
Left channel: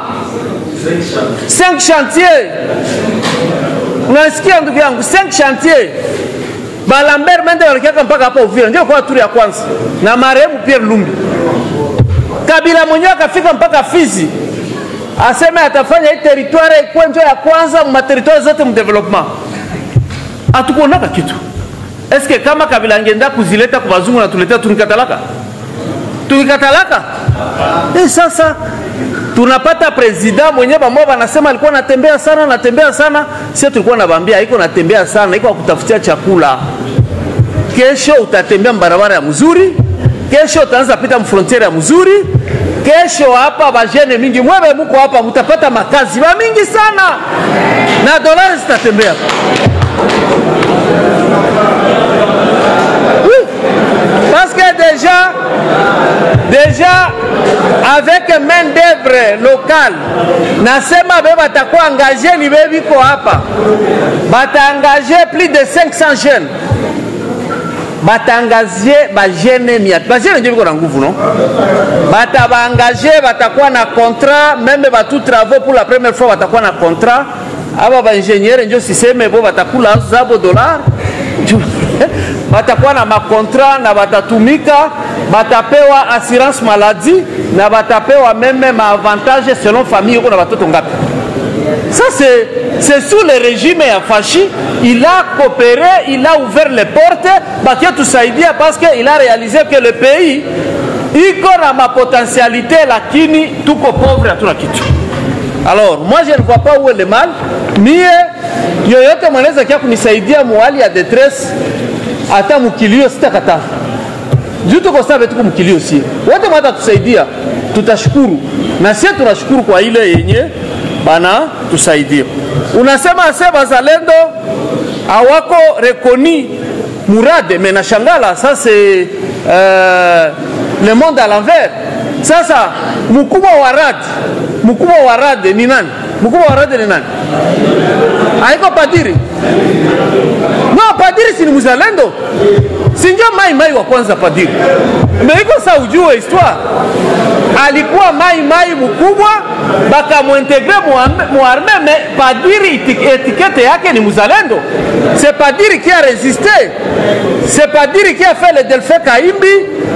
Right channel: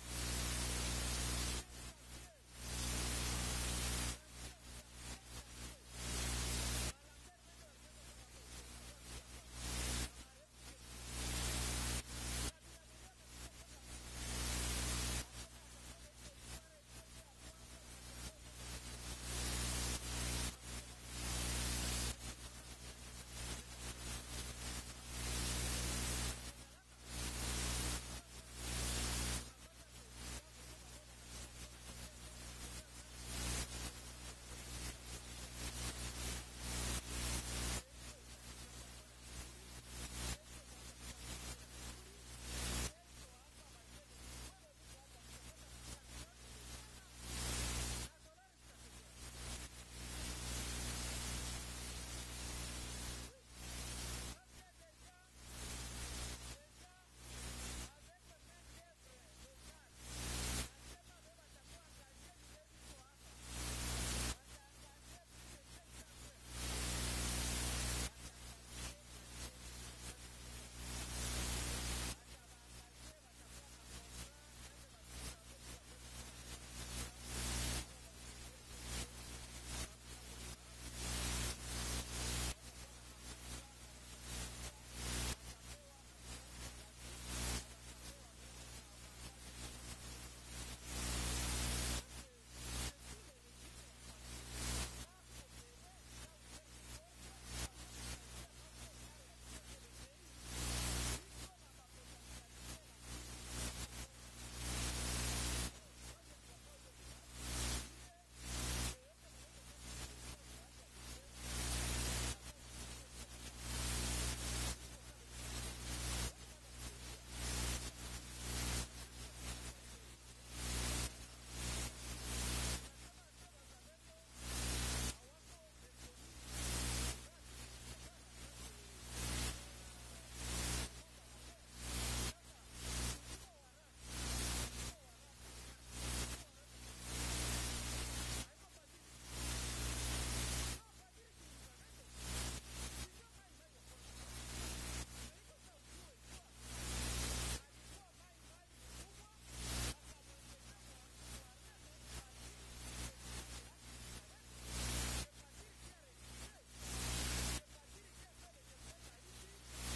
5 chantiers. Unasikia ndugu yangu, 5 chantiers. Balambert Mende walikiaka mpaka hapa Uvira, ndio kwa turi ya kwanza, na marehemu Pierre Lumbi. Kabila mwenyewe akafika mpaka Fizi, aseme atafanya hii territoire ikuwe ndio ya kwanza mu territoire zote mu development. Hatukuonaka kitu. Eske kama Kabila angenda kuzileta kwa wazungu na tuletea tunikatalaka? Tunikatalaka? Sasa tunapata president mwenyewe pamoja anasema alikuwa anatembea sana, sisi tulikuwa nawaambia haiko natembea sana, iko kutafutia chakula. Kesho utatembea barabara ya mzuri, kesho utaanza pita mfrontiere ya mzuri, kesho hapa bajene mingi mwewe muko hapa mtapata makazi ba mingi sana na dolari zitatembea. Oui, parce que déjà avec main d'œuvre locale nasema beba batakuwa engagé ni bebi ko hapa bata engagé plus de 500 jeunes bata engagé ba jeune miat ba jeune ndio biko na nguvu non bata ba engagé batakuwa na contrat même ba tout travaux pour la première fois batakuwa na contrat aba ba ingénieur ndio siseme bo batakula zabo dollar batakuwa na makontra na batatumika batapewa assurance maladie na batapewa même avantage selon famille uko na batoto ngapi. Ça c'est sous le régime ya Fashi, il a coopéré, il a ouvert les portes bakia tusaidia parce que il a réalisé que le pays iko na ma potentialité lakini tuko pauvre hatuna kitu. Alors moi je ne vois pas où est le mal, mie yoyote mwanaweza kia kunisaidia muhali ya détresse hata mukilio sitakata. Juto kwa sababu tuko mkilio si. Wote mwata tusaidia, tutashukuru. Na sisi tunashukuru kwa ile yenye bana tusaidia. Unasema ase bazalendo hawako rekoni Murade, mais nashangala ça c'est le monde à l'envers. Sasa mkubwa wa Rad ni nani? Mkubwa wa Rad ni nani? Haiko padiri. No, padiri si ni mzalendo. Sinjo mai wa kwanza padiri. Meiko sa ujue histoire. Alikuwa mai mkubwa baka muintegre muarme mais padiri étiquette yake ni mzalendo. C'est padiri qui a résisté. C'est padiri qui a fait le Delphin Kaimbi.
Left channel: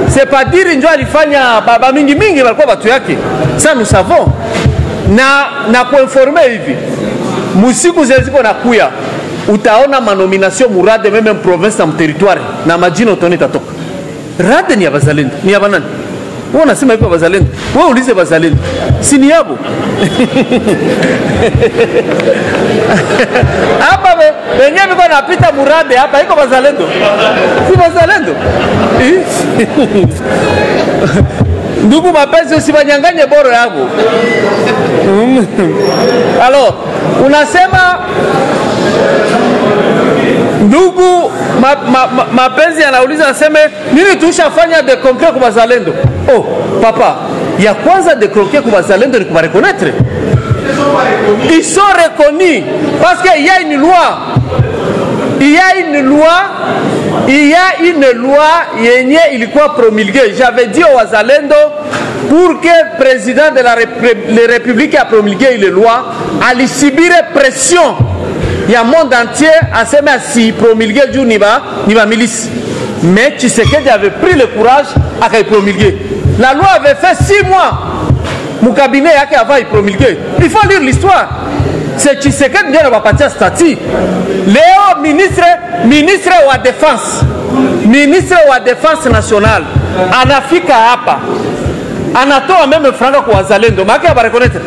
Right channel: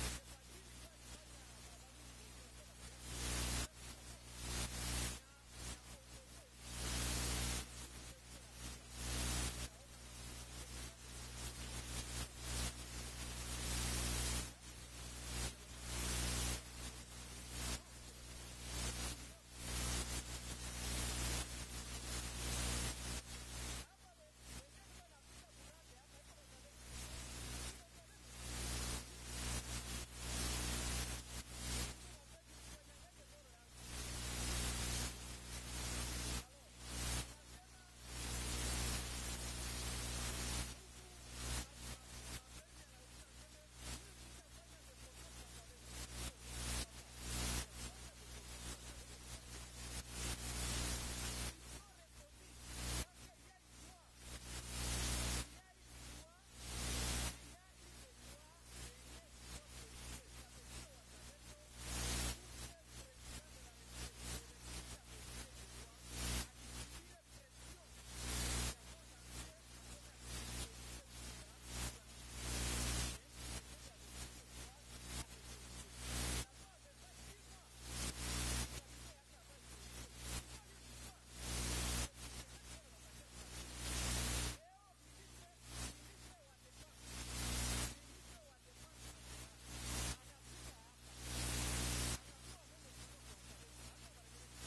C'est padiri ndio alifanya baba mingi walikuwa watu yake. Ça nous savons. Na kuinformer hivi. Musiku zeziko na kuya. Utaona manomination Murade même province na territoire na majina utoni tatoka. Rade ni ya bazalendo, ni ya banani? Wewe unasema iko bazalendo. Wewe ulize bazalendo. Si ni yabo. Hapa wenyewe biko napita Murade hapa iko bazalendo. Si bazalendo. Ndugu mapenzi usibanyanganye boro yako. Alors, unasema ndugu mapenzi anauliza aseme nini tushafanya de concret kwa bazalendo. Oh papa, ya kwanza de concret kwa bazalendo ni kuba reconnaître. Ils sont reconnus parce qu'il y a une loi. Il y a une loi yenye ilikuwa promulguée. J'avais dit au wazalendo pour que le président de la République a promulgué une loi, à subir pression. Il y a un monde entier à se mettre si promulguer du Niba milice. Mais Tshisekedi avait pris le courage à promulguer. La loi avait fait 6 mois. Mon cabinet avait promulgué. Il faut lire l'histoire. C'est Tshisekedi qui n'a pas parti à statut. Léo, ministre de la Défense. Ministre de la Défense nationale. Anafika hapa. Anatoa même franga kwa wazalendo. Maki va reconnaître.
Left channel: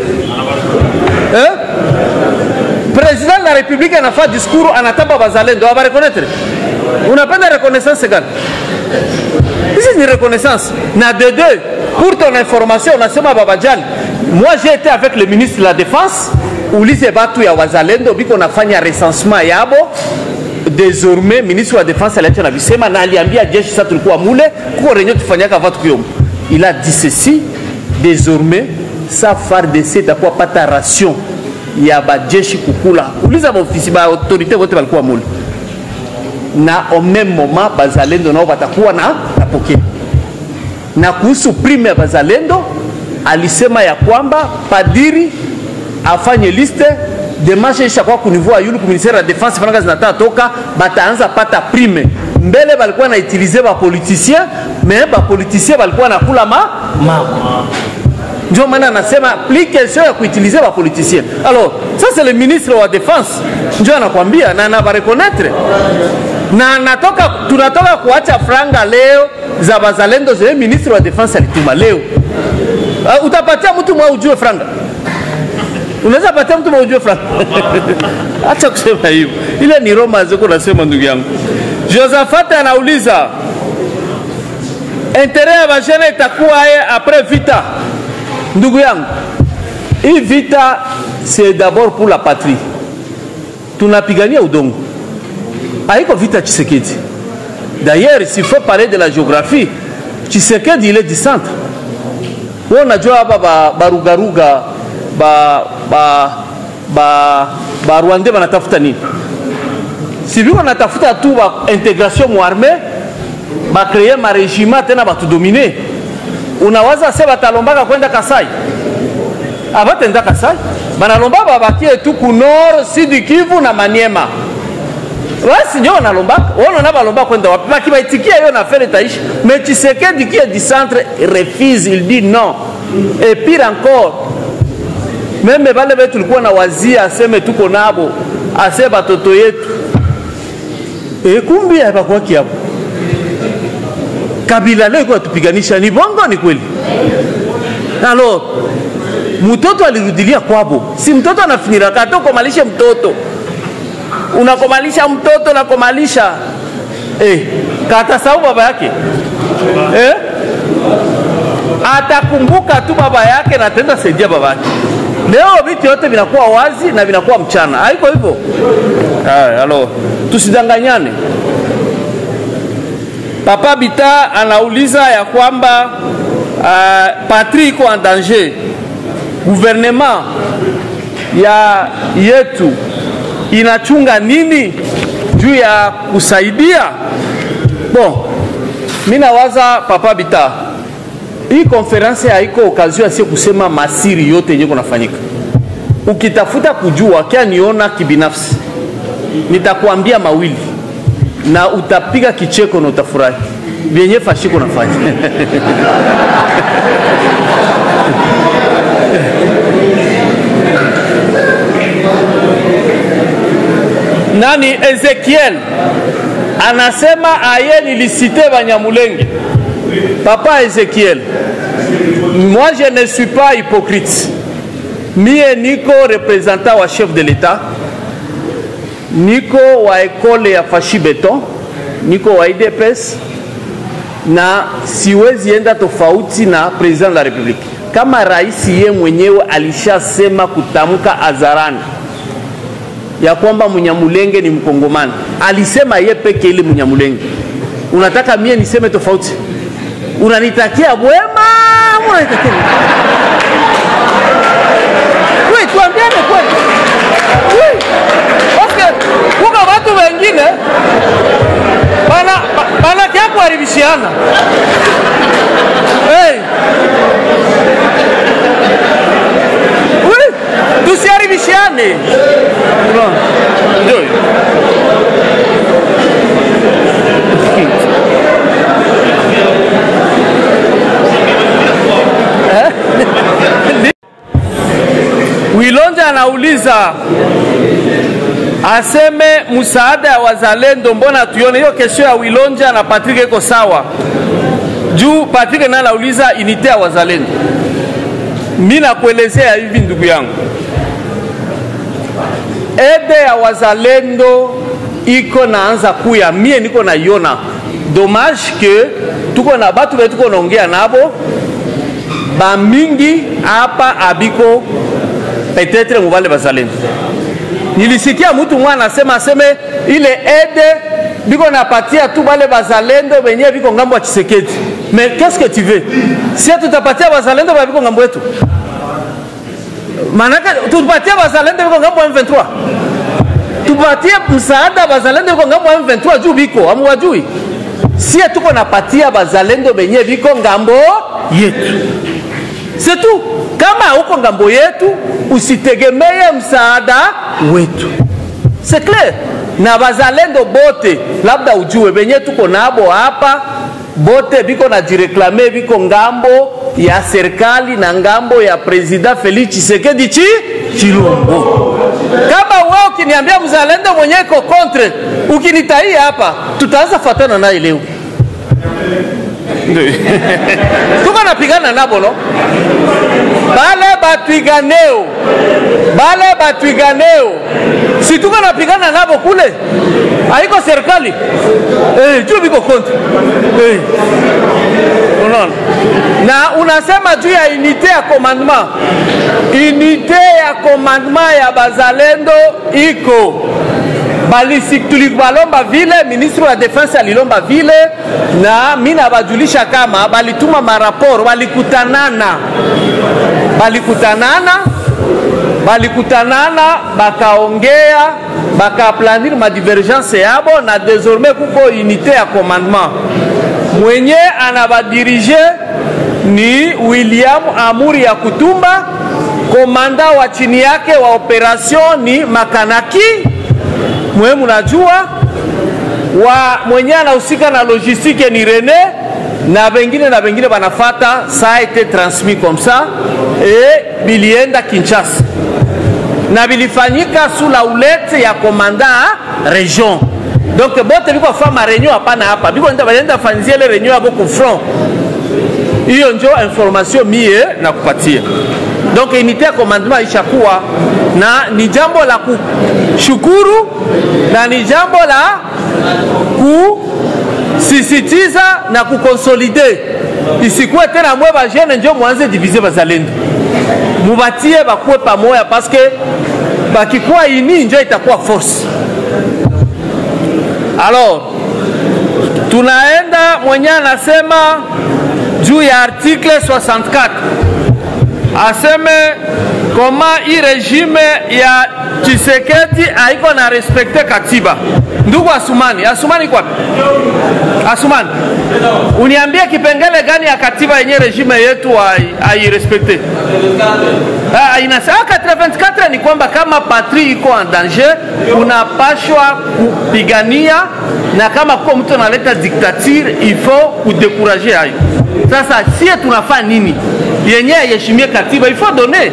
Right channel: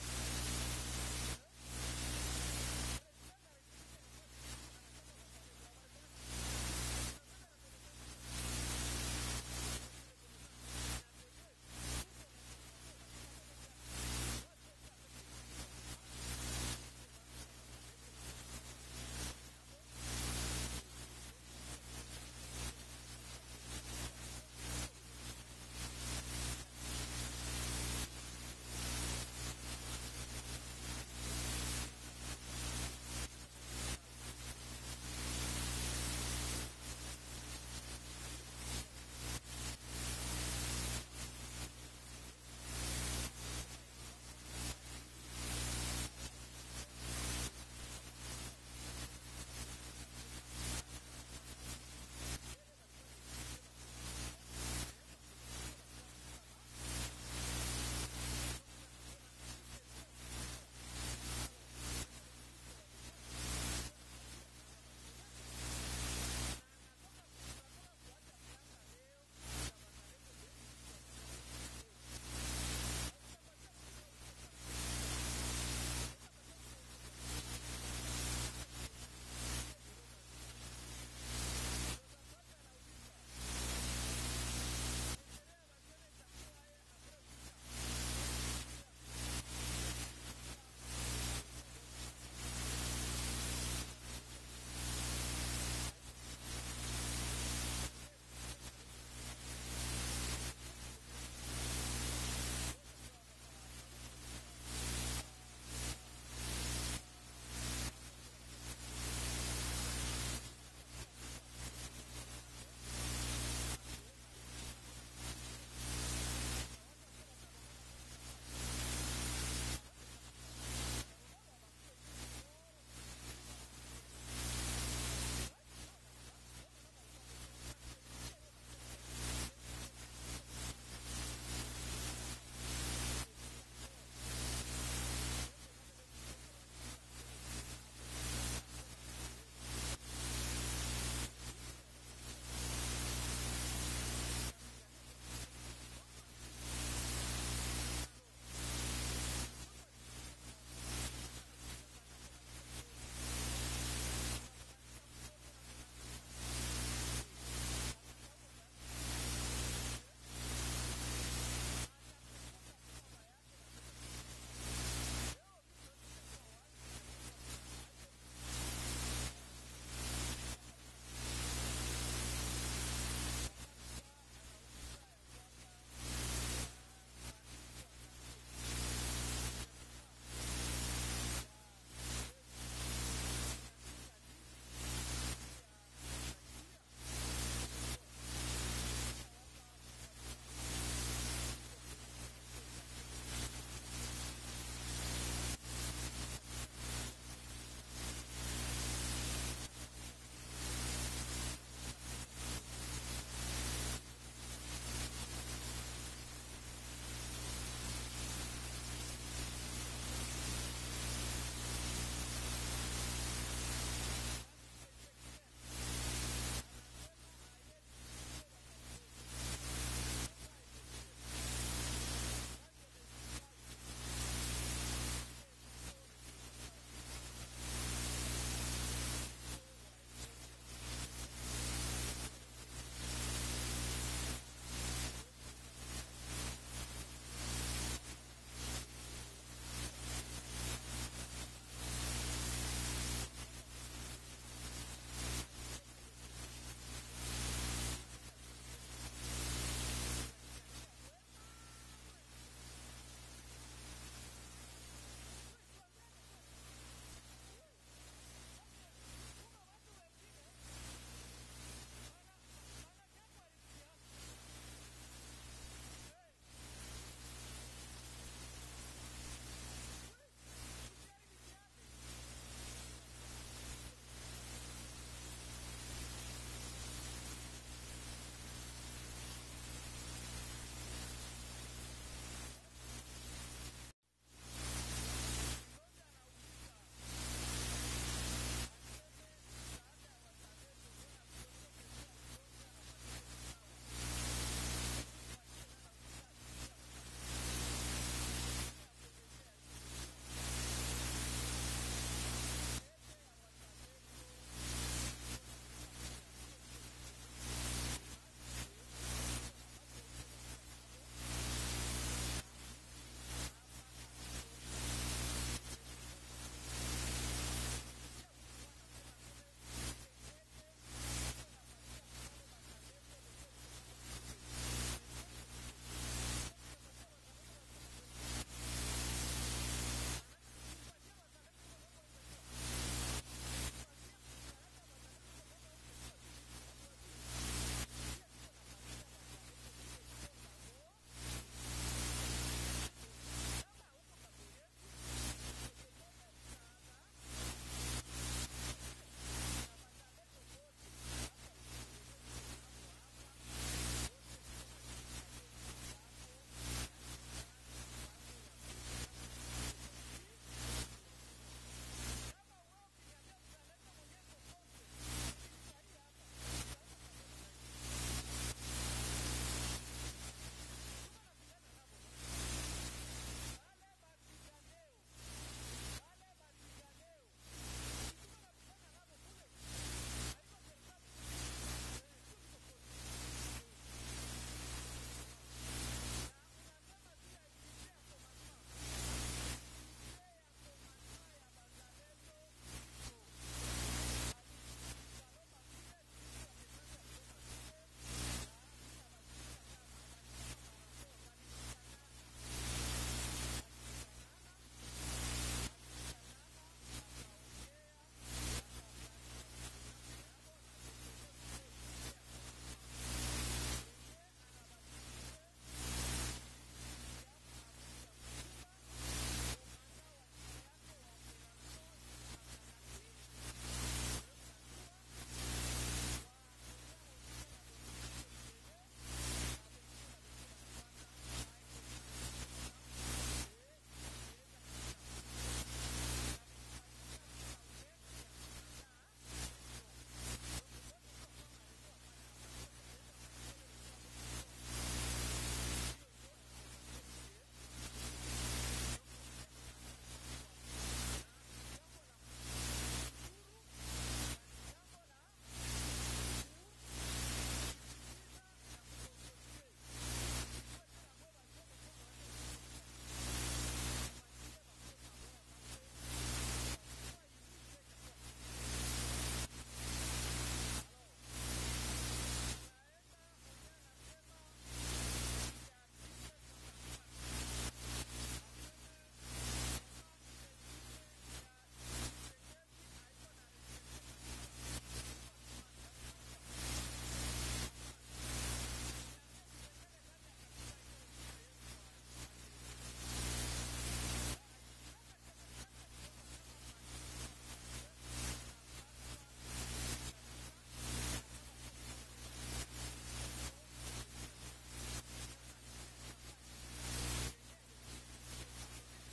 Président de la République a fait discours anataba bazalendo. Va reconnaître. On n'a pas de reconnaissance égale. C'est une reconnaissance. Na de deux. Pour ton information, on a sema Babadjal. Moi j'ai été avec le ministre de la Défense. Ulize batu ya wazalendo biko nafanya recensement yabo. Désormais ministre de la Défense aliacha na bisema na aliambia jeshi sasa tulikuwa mule kwa renyo tufanyaka watu kuyom. Il a dit ceci, désormais sa FARDC itakuwa pata ration ya bajeshi kukula. Uliza maofisi ba autorité wote walikuwa mule. Na au même moment bazalendo nao watakuwa na tapokea. Na kuhusu prime ya bazalendo alisema ya kwamba padiri afanye liste demarche ishakuwa kunivua yulu ku ministère ya défense fana zinataka toka bataanza pata prime. Mbele balikuwa na utiliser ba politiciens, mais ba politiciens balikuwa na kula mako. Ndio maana nasema plus question ya kuutiliser ba politiciens. Alors, ça c'est le ministre wa défense. Ndio anakuambia na ba reconnaître. Na tunatoka kuacha franga leo za bazalendo zile ministre wa défense alituma leo. Utapatia mtu mwa ujue franga. Unaweza patia mtu mwa ujue franga. Acha kusema hivyo. Ile ni Roma ziko nasema ndugu yangu. Josaphat anauliza intérêt ya bajene itakuwa après vita. Ndugu yangu, hii vita c'est d'abord pour la patrie. Tunapigania udongo. Haiko vita Tshisekedi. D'ailleurs, s'il faut parler de la géographie, Tshisekedi il est du centre. On a déjà barugaruga ba Rwandais banatafuta nini? Si vous wanatafuta tu ba intégration mu armée, ba créer ma régiment tena ba tu dominer. Unawaza sasa batalombaka kwenda Kasai. Abatenda Kasai. Banalomba babakie tu ku nord, sud Kivu na Maniema. Basi ndio wanalombaka. Wao na balomba kwenda wapi? Bakibaitikia hiyo na fere taishi. Mais Tshisekedi qui est du centre refuse, il dit non. Et pire encore, même bale betu tulikuwa na wazia aseme tuko nabo, asema batoto yetu. Kumbi hapakuwa kiapo. Kabila leo kwa tupiganisha ni bongo ni kweli. Alors, mtoto alirudilia kwabo. Si mtoto anafinira kato komalisha mtoto. Unakomalisha mtoto na komalisha katasahau baba yake. Atakumbuka tu baba yake na tenda saidia baba yake. Leo vitu yote vinakuwa wazi na vinakuwa mchana. Haiko hivyo. Alors, tusidanganyane. Papa Bita anauliza ya kwamba patrie iko en danger. Gouvernement ya yetu inachunga nini juu ya kusaidia? Bon, mimi nawaza Papa Bita, hii konferensi haiko okazio ya kusema masiri yote yenye kunafanyika. Ukitafuta kujua kia niona kibinafsi, nitakuambia mawili na utapiga kicheko na utafurahi. Vyenye fashiko nafanya. Nani Ezekiel anasema aye nilisite Banyamulenge. Papa Ezekiel, moi je ne suis pas hypocrite. Mie niko représentant wa chef de l'État, niko wa ekole ya Fashi Beton, niko wa IDPS, na siwezi enda tofauti na president de la République. Kama rais ye mwenyewe alishasema kutamka hadharani ya kwamba Munyamulenge ni Mkongomani, alisema ye peke ile Munyamulenge. Unataka mie niseme tofauti? Unanitakia bwema, unanitakia oui, tuambiane kweli. Oui, parce que kuka watu wengine bana kia kuharibishiana. Oui, tusiharibishiane. Ndio. Wilonja anauliza aseme msaada ya wazalendo, mbona tuione hiyo kesho ya Wilonja na Patrick iko sawa. Juu Patrick na anauliza unité ya wazalendo. Mimi nakuelezea hivi ndugu yangu. Ede ya wazalendo iko naanza kuya, mie niko naiona. Dommage que tuko na batu wetu tuko naongea nabo ba mingi hapa abiko peut-être mubale bazalendo. Nilisikia mtu mwana aseme ile ede biko napatia tu bale bazalendo benye biko ngambo ya Tshisekedi. Mais qu'est-ce que tu veux? Si tutapatia bazalendo ba biko ngambo yetu, manaka tupatie bazalendo biko ngambo ya M23. Tupatie msaada bazalendo biko ngambo ya M23 juu biko amwajui. Si tuko napatia bazalendo benye biko ngambo yetu. C'est tout. Kama huko ngambo yetu, usitegemee msaada wetu. C'est clair. Na bazalendo bote, labda ujue benye tuko nabo hapa, bote biko na jireklame biko ngambo ya serikali na ngambo ya President Felix Tshisekedi Chilombo. Kama wewe ukiniambia mzalendo mwenye iko contre, ukinitai hapa, tutaanza fatana naye leo. Tuko napigana nabo no? Bale batuiganeo. Si tuko napigana nabo kule, haiko serikali. Juu biko contre. Unaona? Na unasema juu ya unité ya commandement. Unité ya commandement ya bazalendo iko. Balisi tulibalomba vile, ministre wa defense alilomba vile, na mina bajulisha kama balituma maraporo, balikutanana, bakaongea, bakaplanir ma divergence yabo, na désormais kuko unité ya commandement. Mwenye anabadirige ni William Amuri ya Kutumba, komanda wa chini yake wa operation ni Makanaki. Muhimu najua wa mwenye anahusika na logistique ni René, na bengine banafata. Ça a été transmis comme ça et bilienda Kinshasa na bilifanyika sous la houlette ya commandant région. Donc bote biko fama réunion hapana hapa, biko nenda fanzia ile réunion hapo ku front. Hiyo ndio information mie na kupatia. Donc unité ya commandement ishakuwa, na ni jambo la kushukuru na ni jambo la kusisitiza na kukonsolide. Isikuwe tena mwe ba jeune ndio mwanze diviser bazalendo. Mubatie bakuwe pamoja, parce que bakikuwa ini ndio itakuwa force. Alors tunaenda mwenye anasema juu ya article 64. Aseme koma hii regime ya Tshisekedi haiko na respecte katiba. Ndugu Asumani kwa Asumani, uniambie kipengele gani ya katiba yenye regime yetu hairespecte? Inasema 84 ni kwamba kama patrie iko en danger, unapashwa kupigania, na kama kwa mtu analeta dictature, il faut kudekuraje hayo. Sasa sie tunafanya nini? Yenye yeshimie katiba, il faut donner.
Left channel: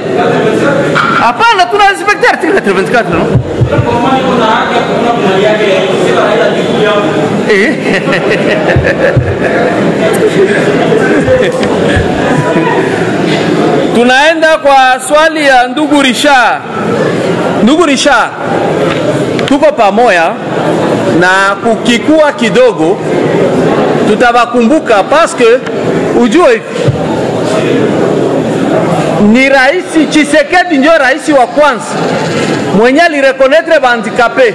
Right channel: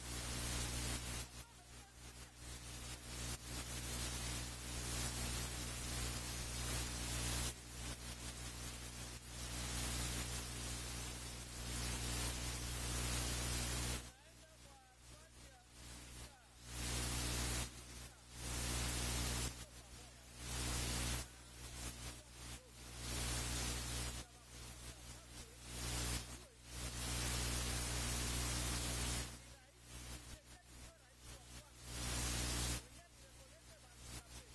Hapana, tuna respecte article 84 no? Tunaenda kwa swali ya ndugu Richard. Ndugu Richard, tuko pamoja, na kukikua kidogo tutabakumbuka, parce que ujue ni raisi Tshisekedi ndio raisi wa kwanza mwenye alirekonetre bandikape.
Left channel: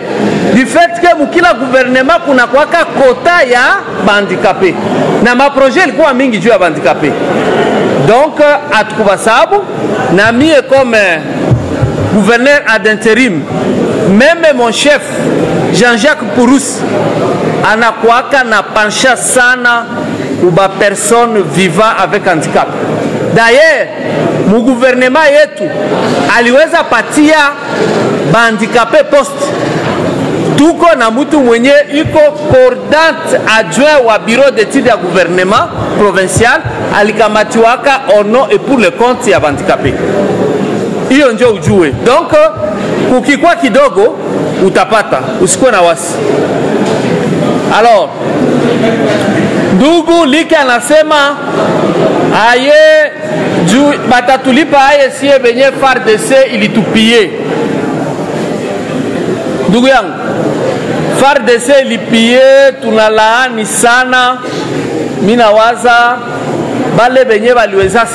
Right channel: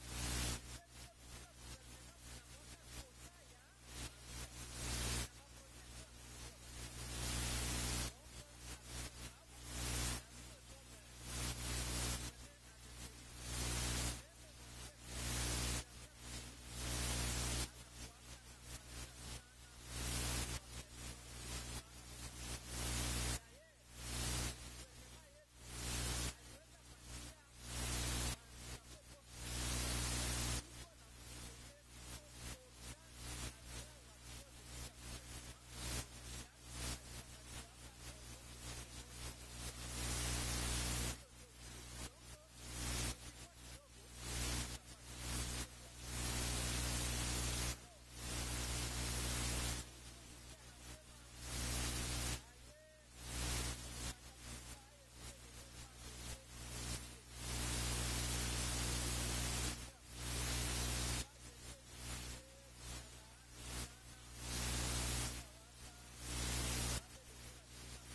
Du fait que mukila gouvernement kuna kwaka kota ya bandikape, na maproje ilikuwa mingi juu ya bandikape. Donc atukuba sababu, na mie comme gouverneur ad intérim, même mon chef Jean-Jacques Purus anakuaka na pencha sana uba personne vivant avec handicap. D'ailleurs, mu gouvernement yetu aliweza patia bandikape poste. Tuko na mutu mwenye iko coordonate adjoint wa bureau d'études ya gouvernement provincial, alikamatiwaka au nom et pour le compte ya bandikape. Hiyo ndio ujue. Donc kukikwa kidogo utapata, usikuwe na wasi. Alors ndugu Like anasema aye juu batatulipa aye siye benye FARDC ilitupie. Ndugu yangu, FARDC ilipie, tunalaani sana. Mina waza bale benye baliweza